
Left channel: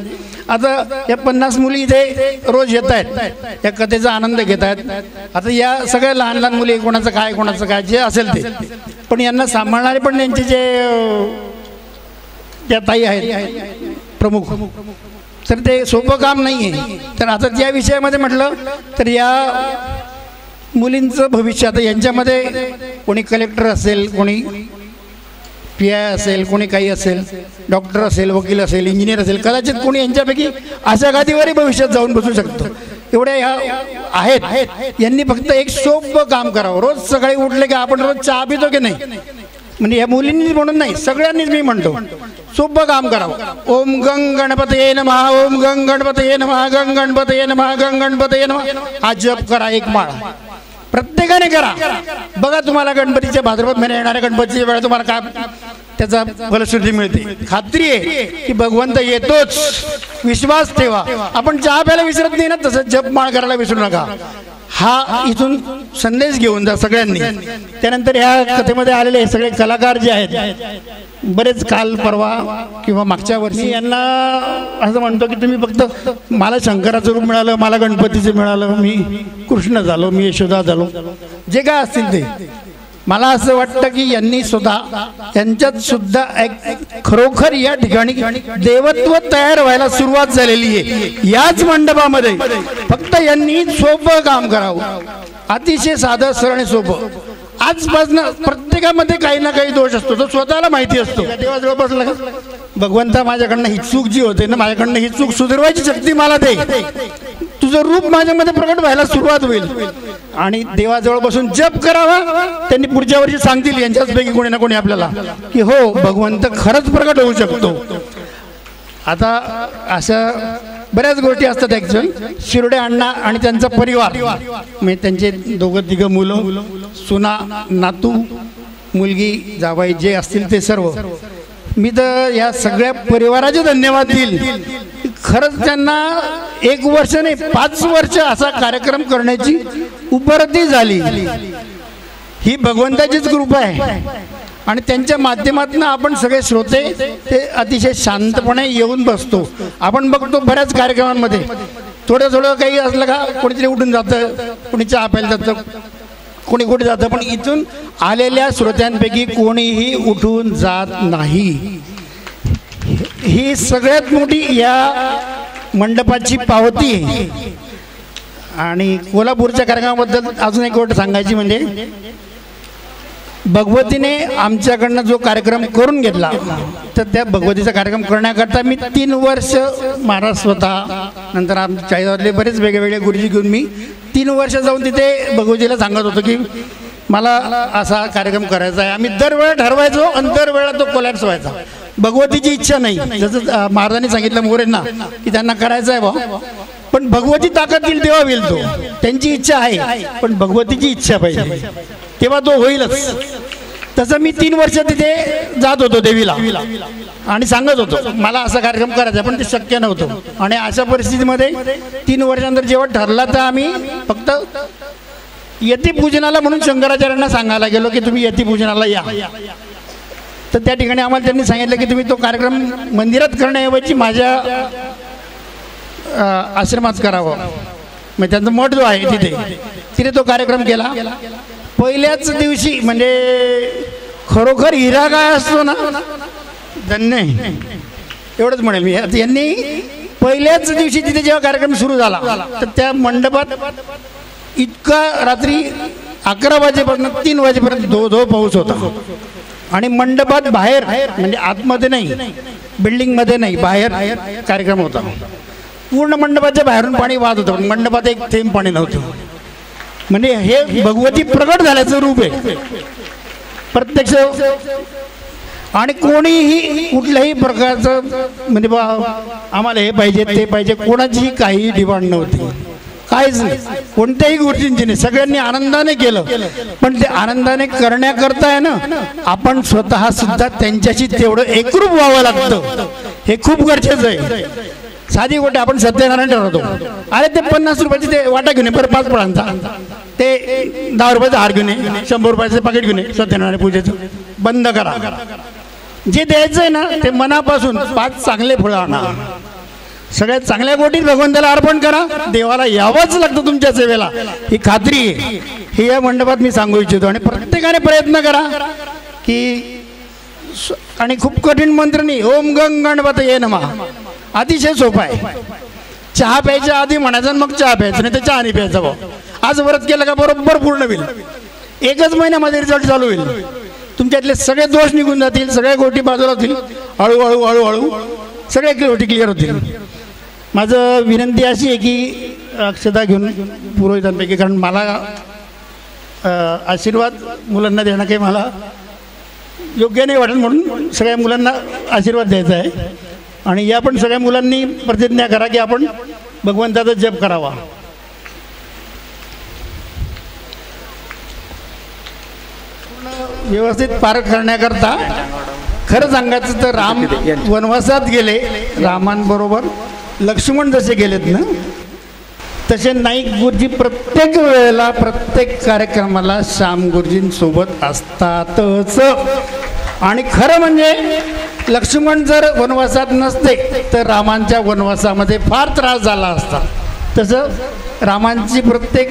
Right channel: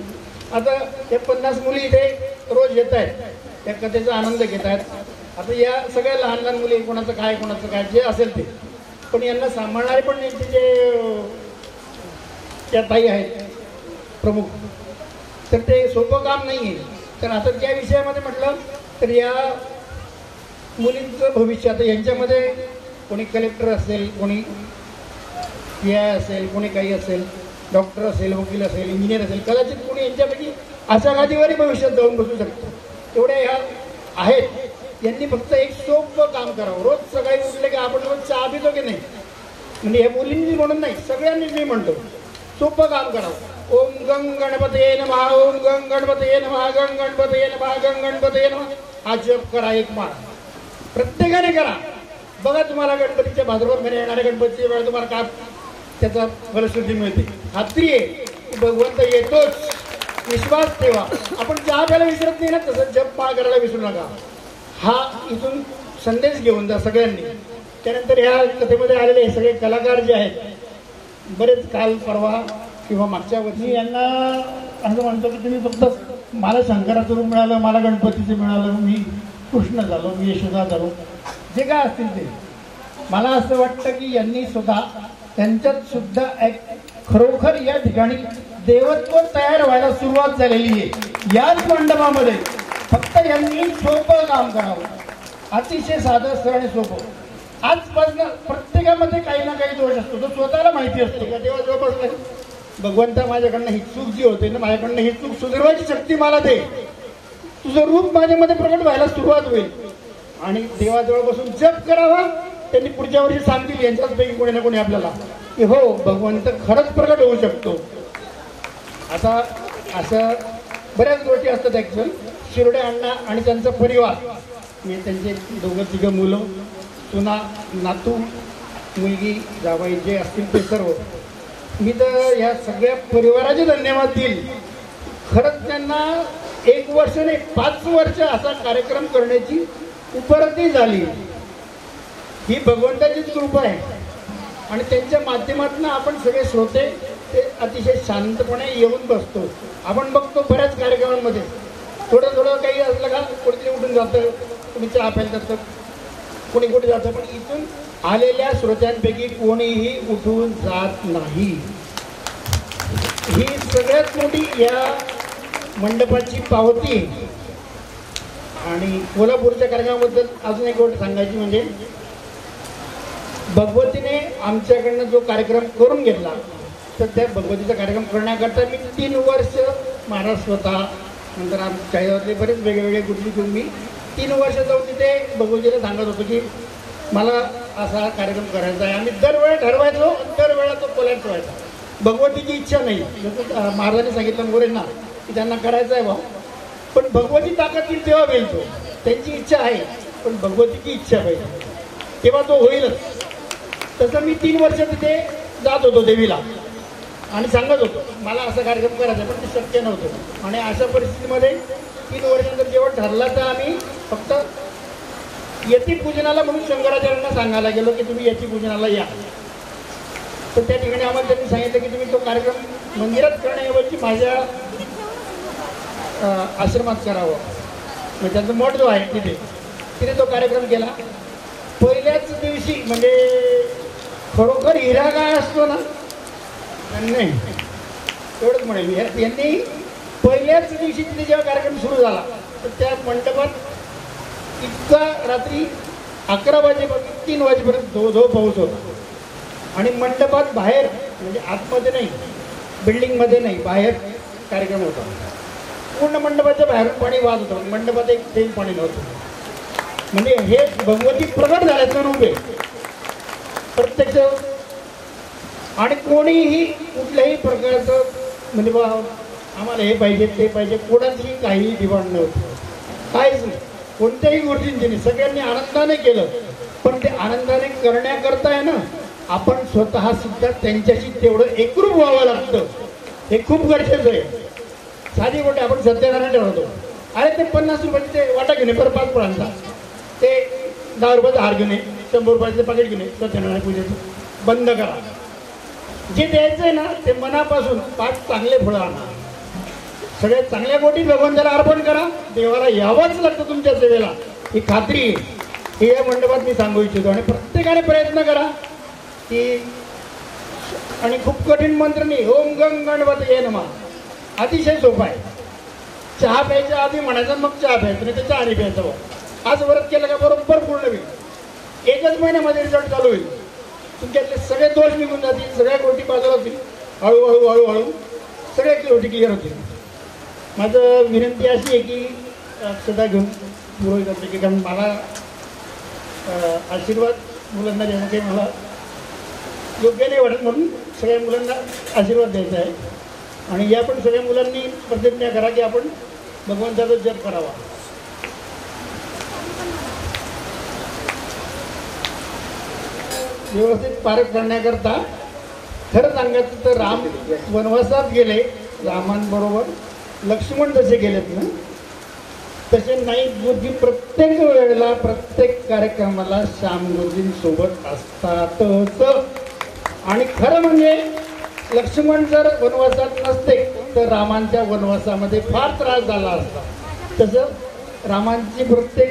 आता या 50 मुली इथे रोज येत आहेत, या कथेचा आनंद घेत आहेत। आता या सगळ्या लहान लहान मुली, कोणाचं काय कोणाचं काय जे असेल ते, पण यांना सांभाळणारे पण यांचे जे त्या ताई आहेत प्रमुख, तर ते सोपं काम नाही आहे। तर आता त्या विषयामध्ये म्हटलं तर या मुलींचं भविष्य, आता यांच्यामध्ये कोणी कलेक्टर असेल, कोणी PI असेल, कोणी काही असेल, डॉक्टर असेल, वकील असेल, इंजिनियर असेल, कदाचित कोणी यांच्यापैकी अशा गादीवरही भविष्यात जाऊन बसू शकतो। एवढे ह्या आहेत। यांनी फक्त एक सोपं काम करावं। रोज सकाळी उठले की आपण रोज चहा पितो की नाही, म्हणजे या मुलींनी म्हणून नाही, सगळ्यांनीच मी म्हणतो सोपं काम करावं। ओम गंग गणपतये नमः, ओम गंग गणपतये नमः, गंग गणपतये नमः, गंग गणपतये नमः हा जप करा, एक माळा प्रत्येकाने करा। बघा तुम्हाला गणपतीच्या भाद्रपद महिन्यात येणाऱ्या गणपतीच्या वेळा तुम्हाला काय त्याचा फलश्रुती मिळते। खात्री आहे की भगवंत येतोच, विश्वास ठेवा। आपण चहा प्यायला विसरत नाही ना, तसं जप माळ करायला विसरू नका। हा इथून संदेश घेऊन जा सगळ्यांनी। त्यानंतर ह्या कथेमध्ये आलेले हे सगळे कलाकार जे आहेत, बरेच काल परवा किंवा मागच्या वर्षी यांना असं म्हणतो की तुम्ही फक्त मला शंकराचं रूप मिळालं, मला गणपतीचं मिळालं, मी कृष्ण झालो, मी यशोदा झालो, जे काय असतील ते। मला असं वाटतं की यांनी सुद्धा, यांच्यात सुद्धा खरोखर या ठिकाणी देवत्व तयार व्हायला सुरुवात झालेली आहे याच मंडपामध्ये। फक्त यांनी सोपं काम करावं, अतिशय साधं सरळ आणि सोपं। आजपासून प्रत्येकामध्ये काही ना काही दोष असतो, तो स्वतःला माहिती असतो। देवाजवळ बसला का भगवंता माझ्याकडनं ही चूक जी होते ना, माझ्याकडनं ही चूक सुधारवायची शक्ती मला दे, तुझं रूप माझ्यामध्ये प्रकट व्हायला सुरुवात होईल। आणि देवाजवळ बसून जप करावा। त्यांनी पुढच्या वर्षी सांगतील यांच्याचपैकी कोणी ना कोणी आपल्याला की हो भगवंत खरंच प्रकट होऊ शकतो। आता अशा बऱ्याच गोष्टी असतात। ऍक्च्युअल शिरोडे अण्णा आणि त्यांचा परिवार, म्हणजे त्यांचे 2-3 मुलं, सुना, नातू, मुलगी, जावई जे असतील ते सर्व, मी तर या सगळ्या परिवाराचे धन्यवाद देईल। खरंच त्यांना 1 वर्ष नाही 5 वर्ष असा कार्यक्रम करण्याची उपरती झाली ही भगवंताचीच कृपा आहे. आणि त्यांच्या माध्यमातून आपण सगळे श्रोते ते अतिशय शांतपणे येऊन बसतो. आपण बघतो बऱ्याच कार्यक्रमांमध्ये थोडं थोडं काही असलं का कोणीतरी उठून जातं, कोणी चहा प्यायला जातं, कोणी कुठे जातं, पण इथून आलेल्या श्रोत्यांपैकी कोणीही उठून जात नाही. ही सगळ्यात मोठी या मंडपाची पावती आहे. आणि कोल्हापूरच्या कार्यक्रमाबद्दल अजून एक गोष्ट सांगायची म्हणजे भगवतीने आमच्याकडनं जो कार्यक्रम करून घेतला तर त्या भगवतीचा कार्यक्रम करण्याकरता मी 3 वर्ष महाराज स्वतः नंतर आमच्या चाळीसगावातले बरेच वेगवेगळे गुरुजी घेऊन मी 3 वर्ष जाऊन तिथे भगवतीला सांगत होतो की मला असा कार्यक्रम करायचा आहे. आम्ही दरवेळा ठरवायचो आणि दरवेळा तो कोलॅप्स व्हायचा. भगवतीची इच्छा नाही, जसं महाराजांनी सांगितलं मोरेंना की त्यांना करायचं आहे बा, पण भगवती ताकद दिली तेव्हा होईल. तो त्यांची इच्छा आहे पण भगवतीची इच्छा पाहिजे तेव्हा तो होईलच. तसं मी 3 वर्ष तिथे जात होतो देवीला आणि सांगत होतो मला असा कार्यक्रम करायचा, पण ते शक्य नव्हतं. आणि अशा परिस्थितीमध्ये 3 वर्षानंतर जेव्हा ठरला तर आम्ही फक्त यती पूजनाला म्हणून शंकराचार्यांना सांगायला गेलो की तुम्ही यती पूजनाला या. तर त्या ठिकाणी आम्हाला त्यांनी सांगितलं की तुम्ही तो कार्यक्रम मंदिरात करण्याऐवजी माझ्या आश्रमात करावं. मग त्यांचा मठ जो आहे तिथे तो कार्यक्रम केला. पहिल्याच दिवशी म्हणजे खरोखर हिरा काय असतो ना धन्य एवढंच म्हणेल मी. यांनी पहिल्याच दिवशी तिथे जेव्हा कार्यक्रम सुरू झाला तर त्या मंडपात इतका रात्री 11 वाजेपर्यंत 3 वाजेपर्यंत धो पाऊस होता. आणि मंडपात बाहेर म्हणजे आतमध्ये नाही, बिल्डिंगमध्ये नाही, बाहेर कार्यक्रम होता. पूर्ण मंडपाच्या बाहेरून पाणी वाहत होतं, मंडपात एक थेंब पाणी नव्हतं. म्हणजे हे भगवती प्रगट झाल्याचं रूप आहे प्रत्यक्ष. आणि कोणीही कुठल्याही प्रकारचं म्हणजे आम्हाला हे पाहिजे ते पाहिजे कोणाचीही काही डिमांड नव्हती, काहीच नाही, कोणत्याही गोष्टींची नाही. सगळ्यांनी आनंदाने केलं. पण ते आनंदाने करण्याकरता आहे ना आपण स्वतः सुद्धा त्यांच्याशी तेवढं एकरूप व्हावं लागतं. हे खूप गरजेचं आहे. साधी गोष्ट आपण सत्यनारायण ठरवतो, अरे ते 50 रुपयाचे ते वाटा घेऊन बरं 5 फळांचा, ते 10 रुपयाचा हार घेऊन 100 रुपयाचं पाकिट घेऊन सत्यनारायण पूजेचं बंद करा. जे द्यायचं आहे ना ते मनापासून 5 चांगले फळं आणा. सगळ्यात चांगल्या गोष्टी भगवंताला अर्पण करा. देवाला यावंच लागतं तुमच्या सेवेला, ही खात्री आहे. हे या मंडपात मी सांगू इच्छितो. आणि प्रत्येकाने प्रयत्न करा की आणि खूप कठीण मंत्र नाही. ओम गंग गणपतये नमः अतिशय सोपा आहे. चहा प्यायच्या आधी म्हणायचं मग चहा प्यायचं, नाही तर चहा नाही प्यायचा भाऊ. आज व्रत केलं का बरोबर पूर्ण होईल. 1च महिन्यामध्ये रिझल्ट चालू होईल. तुमच्यातले सगळे दोष निघून जातील, सगळ्या गोष्टी बाजूला होतील. हळूहळू हळूहळू सगळ्या गोष्टी क्लिअर होतील. माझं विनंती अशी आहे की अक्षता घेऊन पुरोहितांपैकी, कारण मला आशीर्वाद मुलांना देणं काही मला योग्य नाही वाटत, म्हणून सगळ्या मुलांना आशीर्वाद द्यायचा आहे. आणि या पण सगळ्या मुलांनी प्रतिज्ञा करा की आपण भगवंताचा जप करावा. व्यवस्थित पार करण्याकरता खरं सांगायचं तर राम वनवासात गेले. रामांबरोबर लक्ष्मण जसे गेलेत ना तसे नाईक गुरुजी प्रत्येक वेळेला प्रत्येक कार्यक्रमाला श्याम गुरुजींसोबत असतातच. आणि खरं म्हणजे लक्ष्मण जर वनवासात नसते तर रामांच्या वनवासामध्ये फार त्रास झाला असता. तसं रामांची प्रत्येक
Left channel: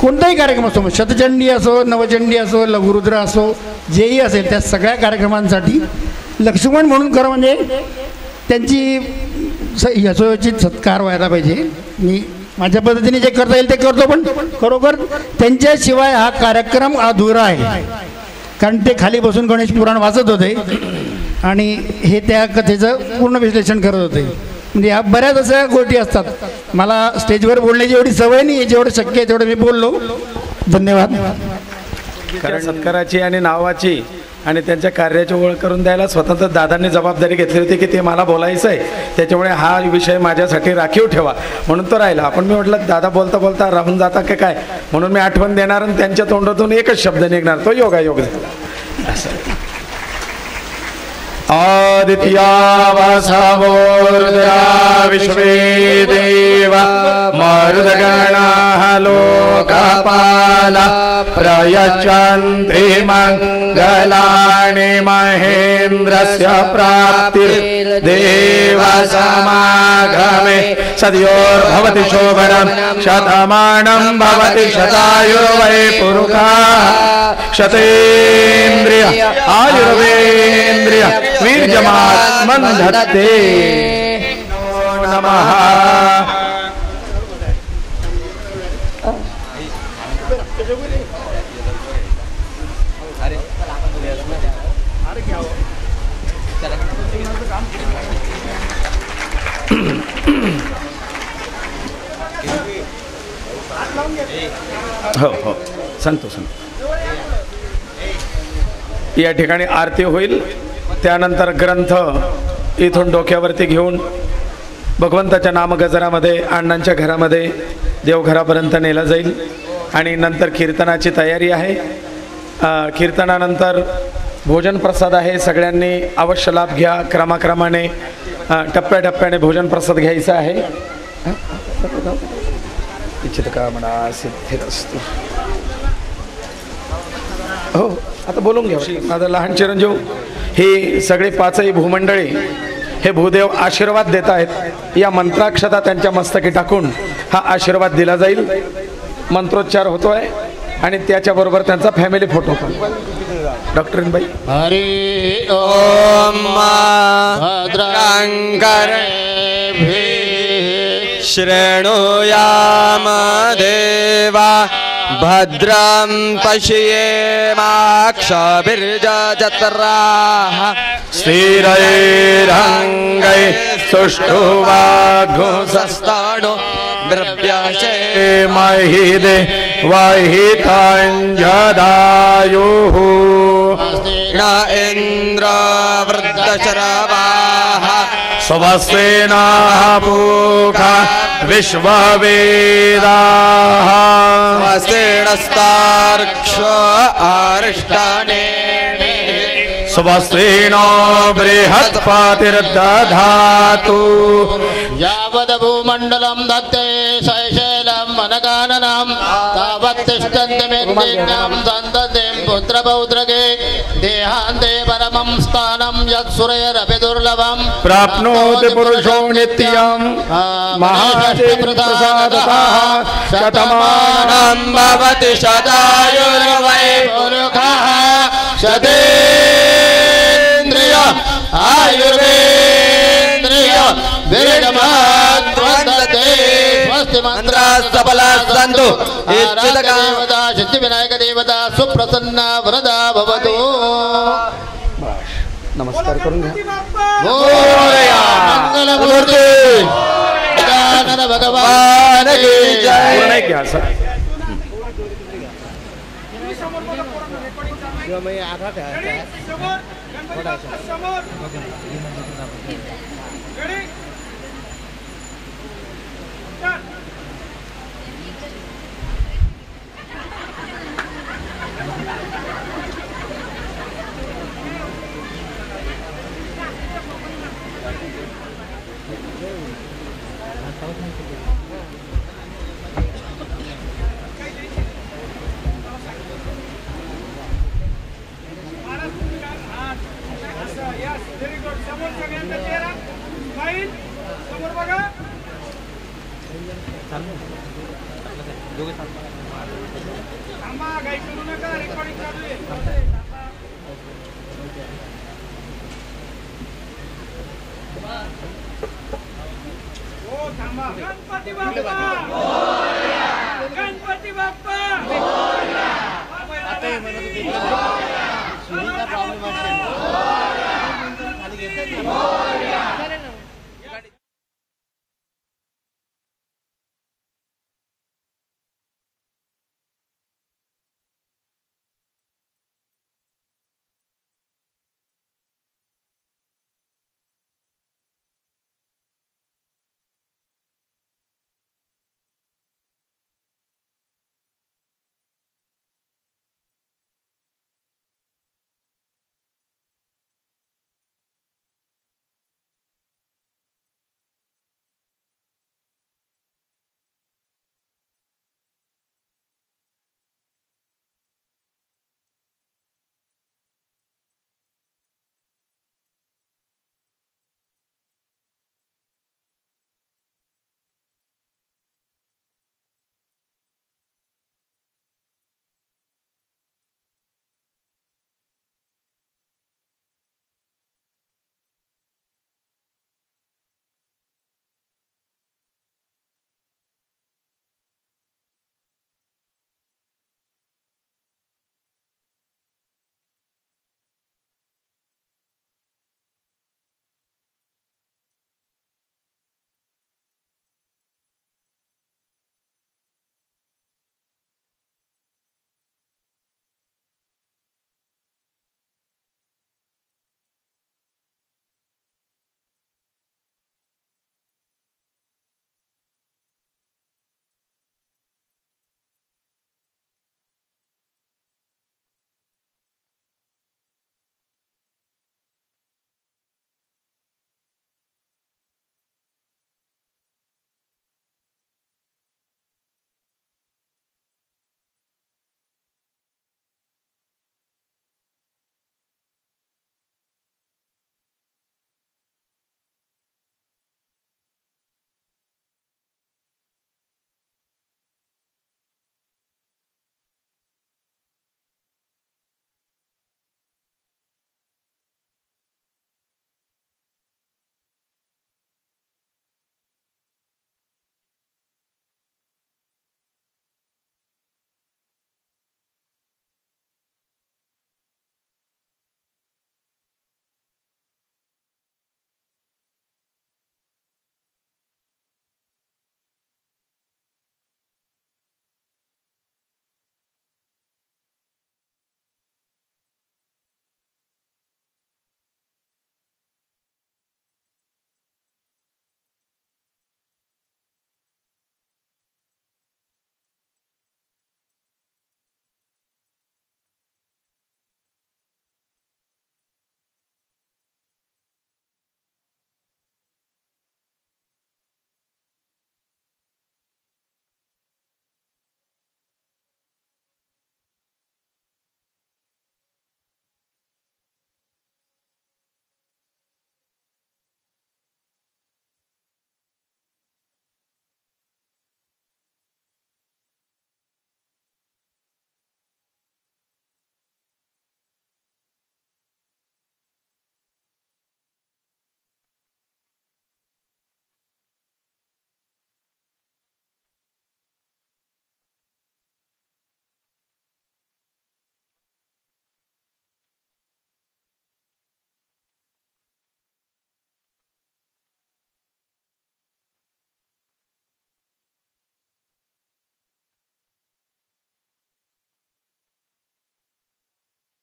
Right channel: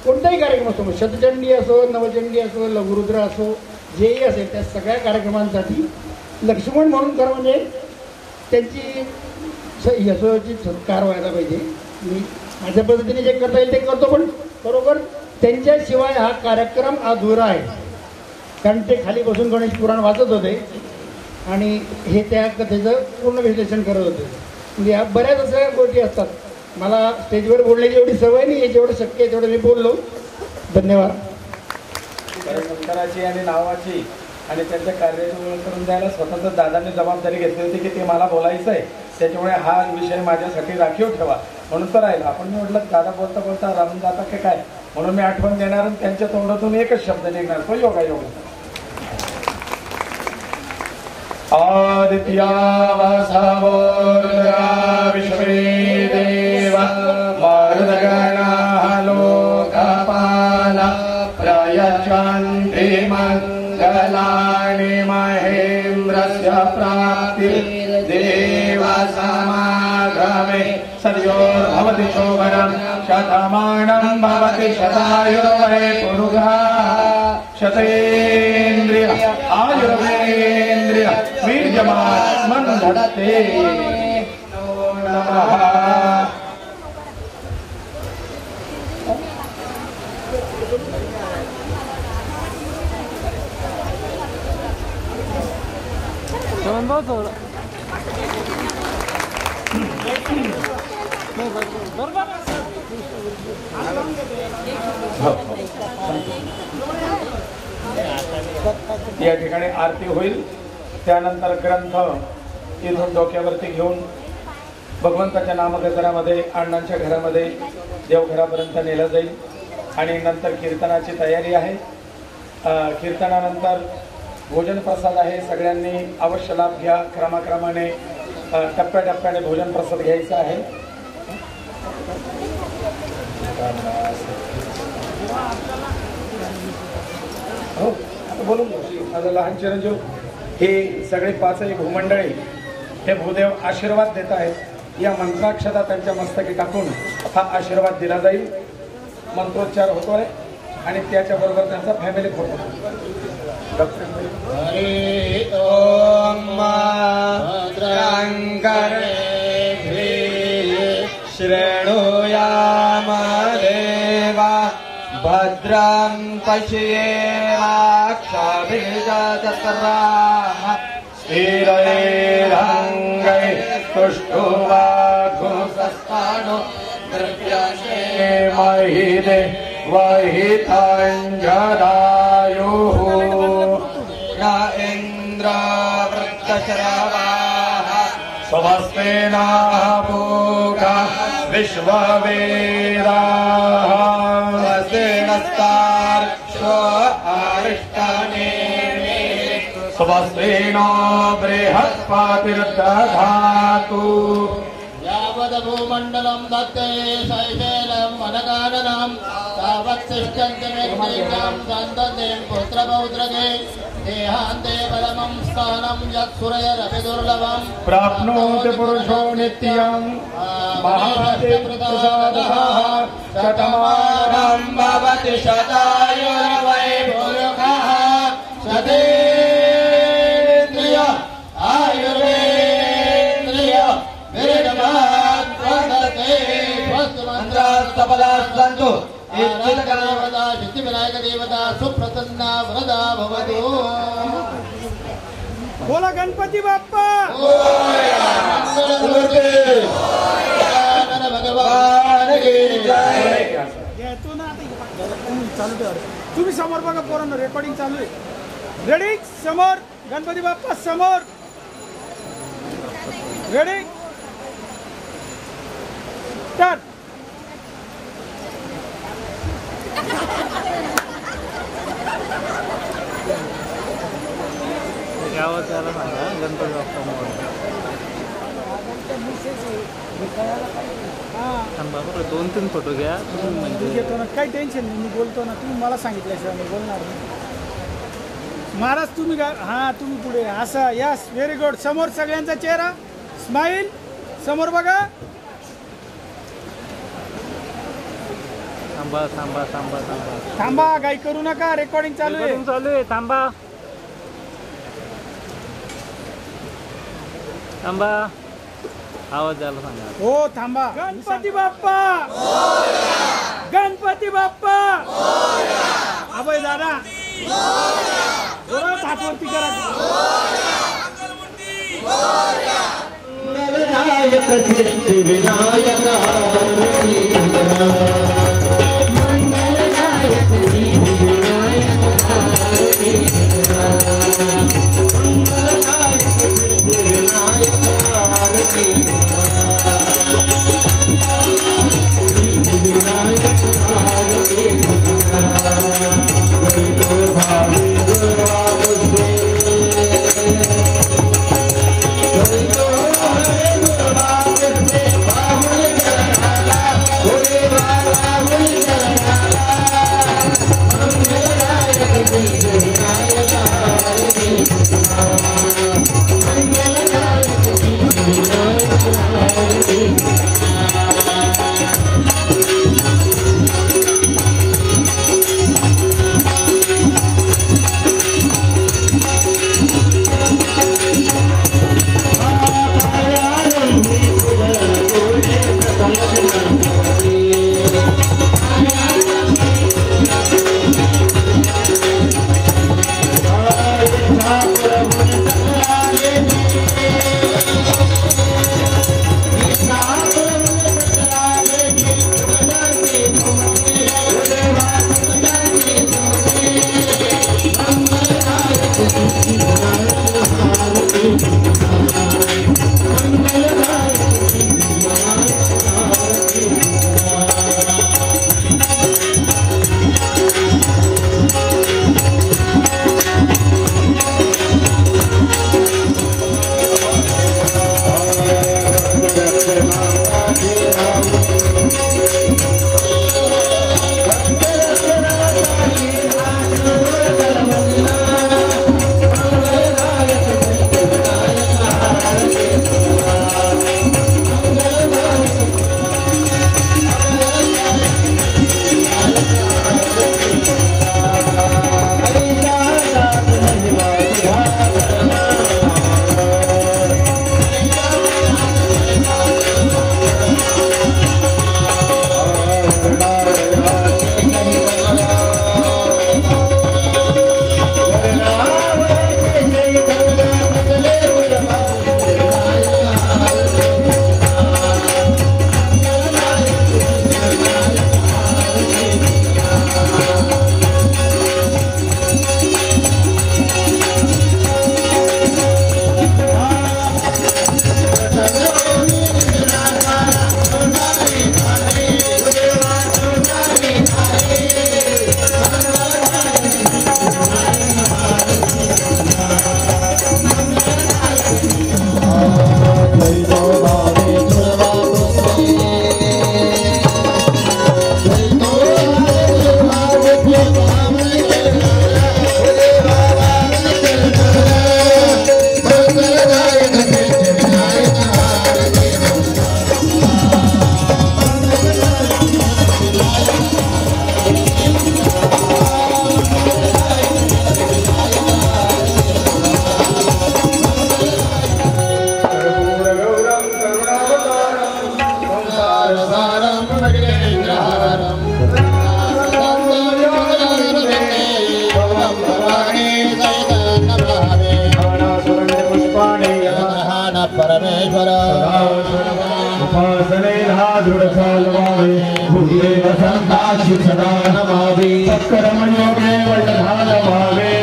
कोणताही कार्यक्रम असो, शतचंडी असो, नवचंडी असो, लघुरुद्र असो, जेही असेल त्या सगळ्या कार्यक्रमांसाठी लक्ष्मण म्हणून खरं म्हणजे त्यांची यशोचित सत्कार व्हायला पाहिजे. मी माझ्या पद्धतीने जे करता येईल ते करतो, पण खरोखर त्यांच्याशिवाय हा कार्यक्रम अधुरा आहे. कारण ते खाली बसून गणेश पुराण वाचत होते आणि हे त्या कथेचं पूर्ण विश्लेषण करत होते. म्हणजे ह्या बऱ्याच अशा गोष्टी असतात. मला स्टेजवर बोलण्याची एवढी सवय नाही, जेवढं शक्य आहे तेवढं मी बोललो. धन्यवाद. कारण सत्काराची आणि नावाची आणि त्यांच्या कार्याची ओळख करून द्यायला स्वतंत्र दादांनी जबाबदारी घेतली होती की ते मला बोलायचं आहे, त्याच्यामुळे हा विषय माझ्यासाठी राखीव ठेवा म्हणून तो राहिला. आपण मी म्हटलं दादा बोलता बोलता राहून जाता की काय, म्हणून मी आठवण देणार आणि त्यांच्या तोंडातून एकच शब्द निघणार, तो योगायोग झाला. असं आदित्यावसावोर्जा विश्वे देवा मरुदगणा लोकापा यच्छन्ति मङ्गलानि महेन्द्रस्य प्राप्तिर्देवसमागमे सद्योर्भवति शोभनं शतमानं भवति शतायुर्वै पुरुषः शतेन्द्रिय आयुर्वेन्द्रिय वीर्यमात्मन्धत्ते नमः। हो हो सांगतो सांगतो. या ठिकाणी आरती होईल, त्यानंतर ग्रंथ इथून डोक्यावरती घेऊन भगवंताच्या नामगजरामध्ये अण्णांच्या घरामध्ये देवघरापर्यंत नेलं जाईल आणि नंतर कीर्तनाची तयारी आहे. कीर्तनानंतर भोजन प्रसाद आहे, सगळ्यांनी अवश्य लाभ घ्या. क्रमाक्रमाने टप्प्याटप्प्याने भोजन प्रसाद घ्यायचा आहे. हो आता बोलून घ्या. माझा लहान चिरंजीव हे सगळे पाचही भूमंडळी हे भूदेव आशीर्वाद देत आहेत. या मंत्राक्षता त्यांच्या मस्तकी टाकून हा आशीर्वाद दिला जाईल. मंत्रोच्चार होतोय आणि त्याच्याबरोबर त्यांचा फॅमिली फोटो पण. डॉक्टरीनबाई हरि ओम भद्रंकर शृणुयाम देवा भद्रं पश्येमाक्षभिर्जत्राः स्थिरैरङ्गै सुष्ठुवाघुसस्ताणो द्रव्यशे महिदे वहिताञ्जदायुः न इन्द्र वृद्धशरवाः स्वस्तेना पूका विश्ववेदाः स्वस्तेनस्तार्क्ष्यो आरिष्टानेमि स्वस्तेनो बृहत्पातिर्दधातु यावद् भूमण्डलं दत्ते शैशैलं मनकाननं तावत् तिष्ठन्ति मेघ्नां सन्ततिं पुत्रपौत्रके देहान्ते परमं स्थानं यत्सुरैरपि दुर्लभं प्राप्नोति पुरुषो नित्यं महाशक्तिप्रसादतः शतमानं भवति शतायुर्वै पुरुषः शतेन्द्रिय आयुर्वेन्द्रिय विरजमाद्वन्दते स्वस्ति मन्त्रास्तबलाः सन्तु देवता सिद्धिविनायक देवता सुप्रसन्ना वरदा भवतु. नमस्कार करून घ्या. मंगलमूर्ती गजानन भगवान की जय. पूर्ण नाही घ्या असं. तुम्ही समोर बघा, पूर्ण रेकॉर्डिंग चालू आहे. रेडी समोर गणपती बाप्पा समोर. Ready start. दोन तीन फोटो घ्या. काही टेन्शन नाही, मी बोलतो ना, तुम्ही मला सांगितल्याशिवाय मी बोलणार नाही. महाराज तुम्ही हां तुम्ही पुढे असं. Yes very good. समोर सगळ्यांचा चेहरा स्माईल. समोर बघा. थांबा थांबा थांबा थांबा थांबा, काही करू नका, रेकॉर्डिंग चालू आहे. थांबा थांबा आवाज झाला थांबा. हो थांबा. गणपती बाप्पा गणपती बाप्पा अभय दादा परमेश्वर उपासनेला दृढफलवावे भूदेव संताशी सदा नमावे कर्मयोगे वैधानवावे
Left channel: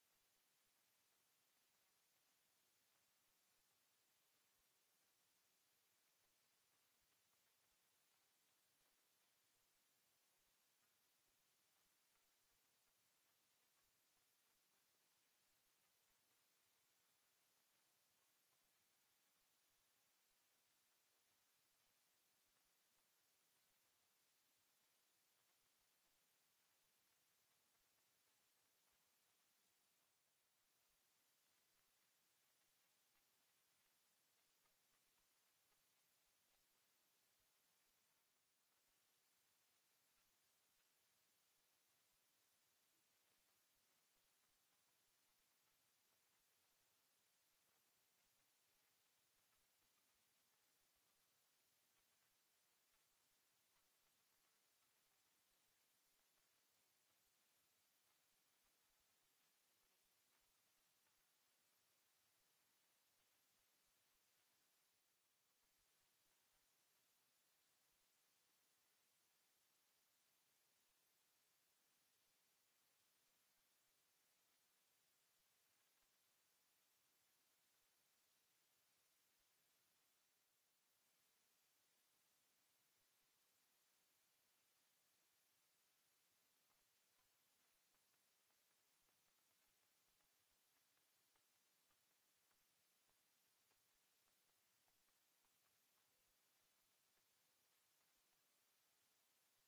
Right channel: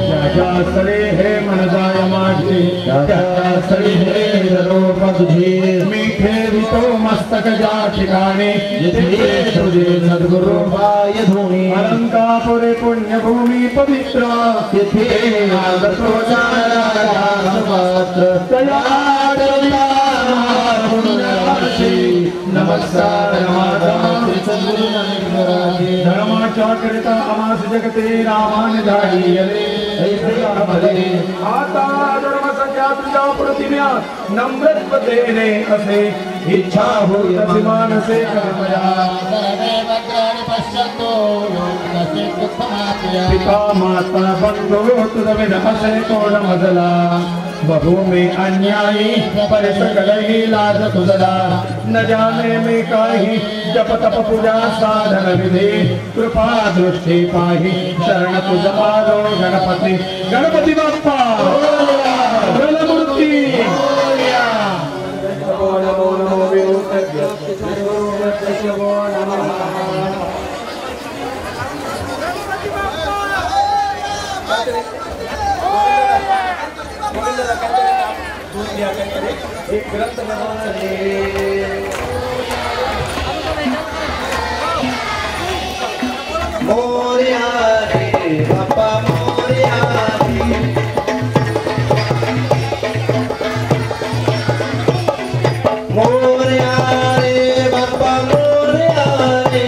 त्याच्या स्थळी हे मन जाय माझे त्याच्या स्थळी हे निरोप तुझे मी ठेवितो मस्तक ज्या ठिकाणी जिथे तुझे सद्गुरु पाय धुणी अलंकापुरे पुण्यभूमी पवित्र तिथे आगतो पात्र नमस्कार धर्माच्या करिता आमास जगते रामान धाडी आता धर्म सख्या तुझ्या प्रतिम्या नम्रत्वतेने असे इच्छा होई तसे मानसे कर्मया पिता माता बंधू तुझ विन असे कोण मजला बहु में अन्यायी पर सकल ही लाज तुझला न जाने में काही जप तप पूजा साधन विधि कृपा दृष्टि पाही शरण तुझ आलो गणपती गणपती बाप्पा बलमूर्ती एक ग्रंथ मोरया रे बाप्पा मोरया मोरया रे बाप्पा मोरया रे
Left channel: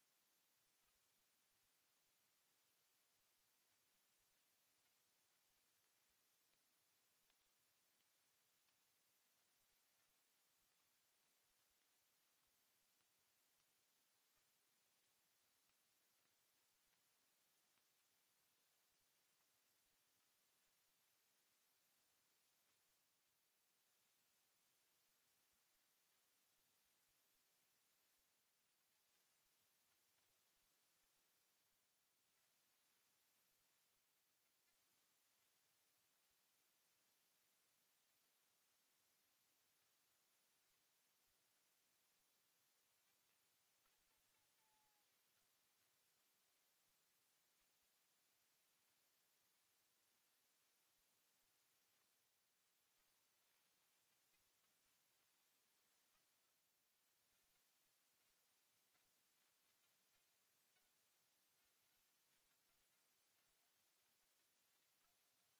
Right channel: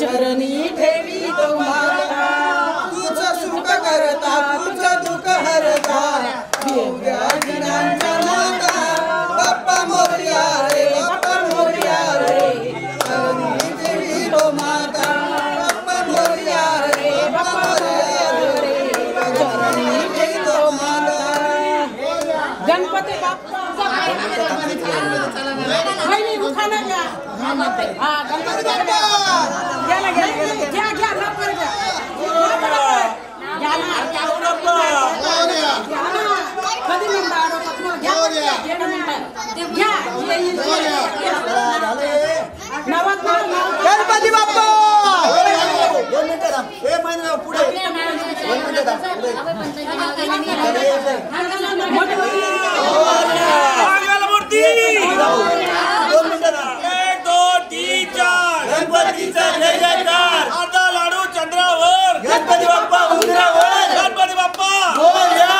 चरणी ठेवी तो माता तुझं सुख करता तुझं दुःख हरता योग्या जनांच्या माता बाप्पा मोरया रे बाप्पा मोरया रे चरणी ठेवी तो माता बाप्पा मोरया रे बाप्पा मोरया रे चरणी ठेवी तो माता गणपती बाप्पा वहिनी उखाणा घ्या हा गणपती बाप्पा गणपती बाप्पा गणपतीचा जय जयकार आता लाडू चंद्रावर गणपती बाप्पा उंदरावर गणपती बाप्पा मोरया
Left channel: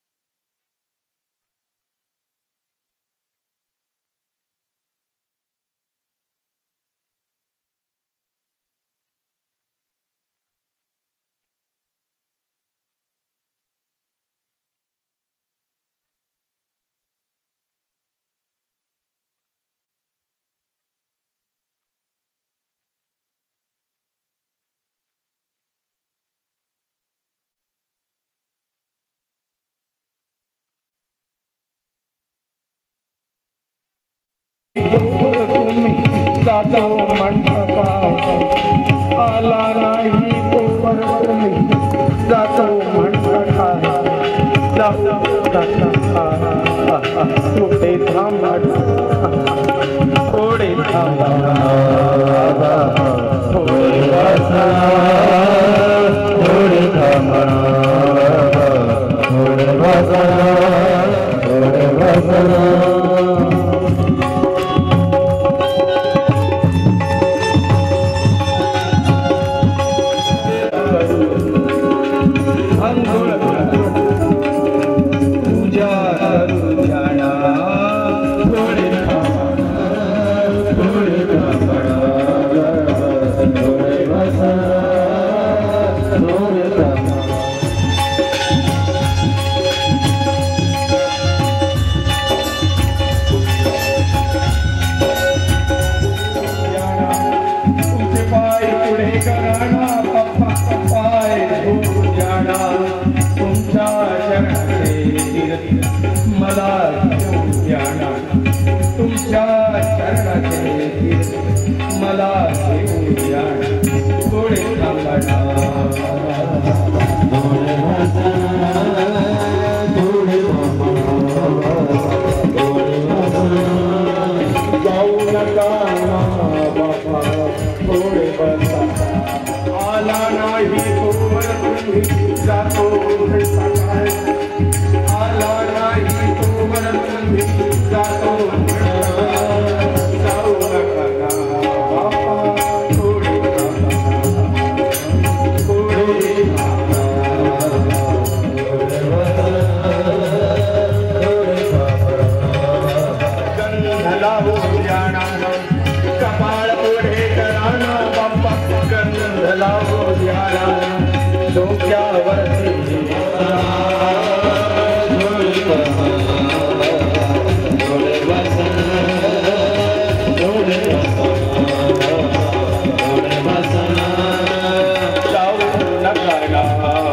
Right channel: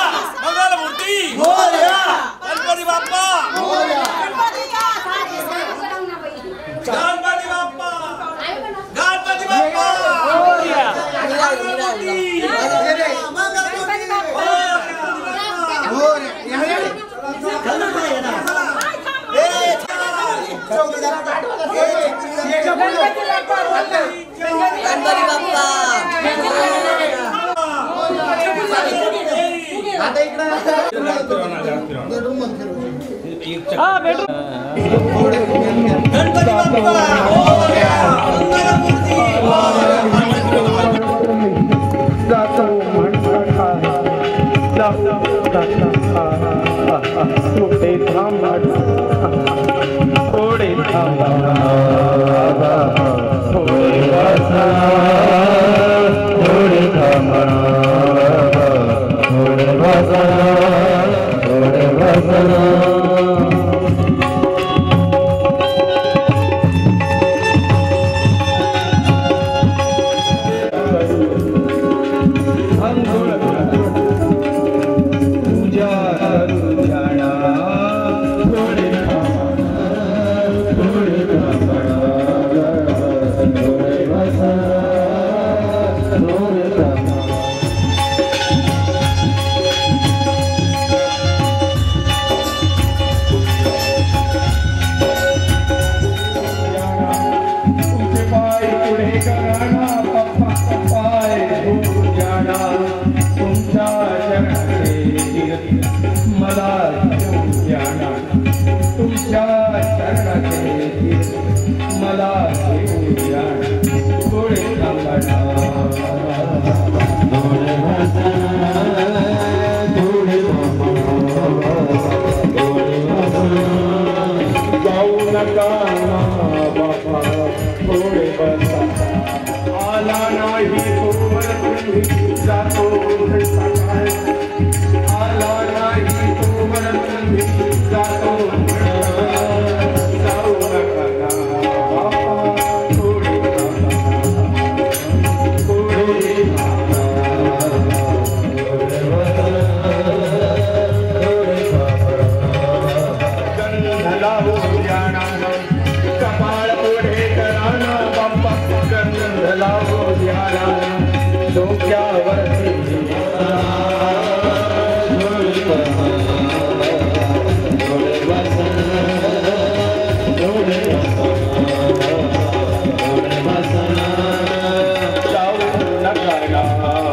मंगलमूर्ती मोरया गणपती बाप्पा मोरया गणपती बाप्पा गणपती बाप्पा मोरया लावू द्याना कपाळ पुढे कराना बाप्पा गंध लावू द्याना डोक्यावरती जाऊ नका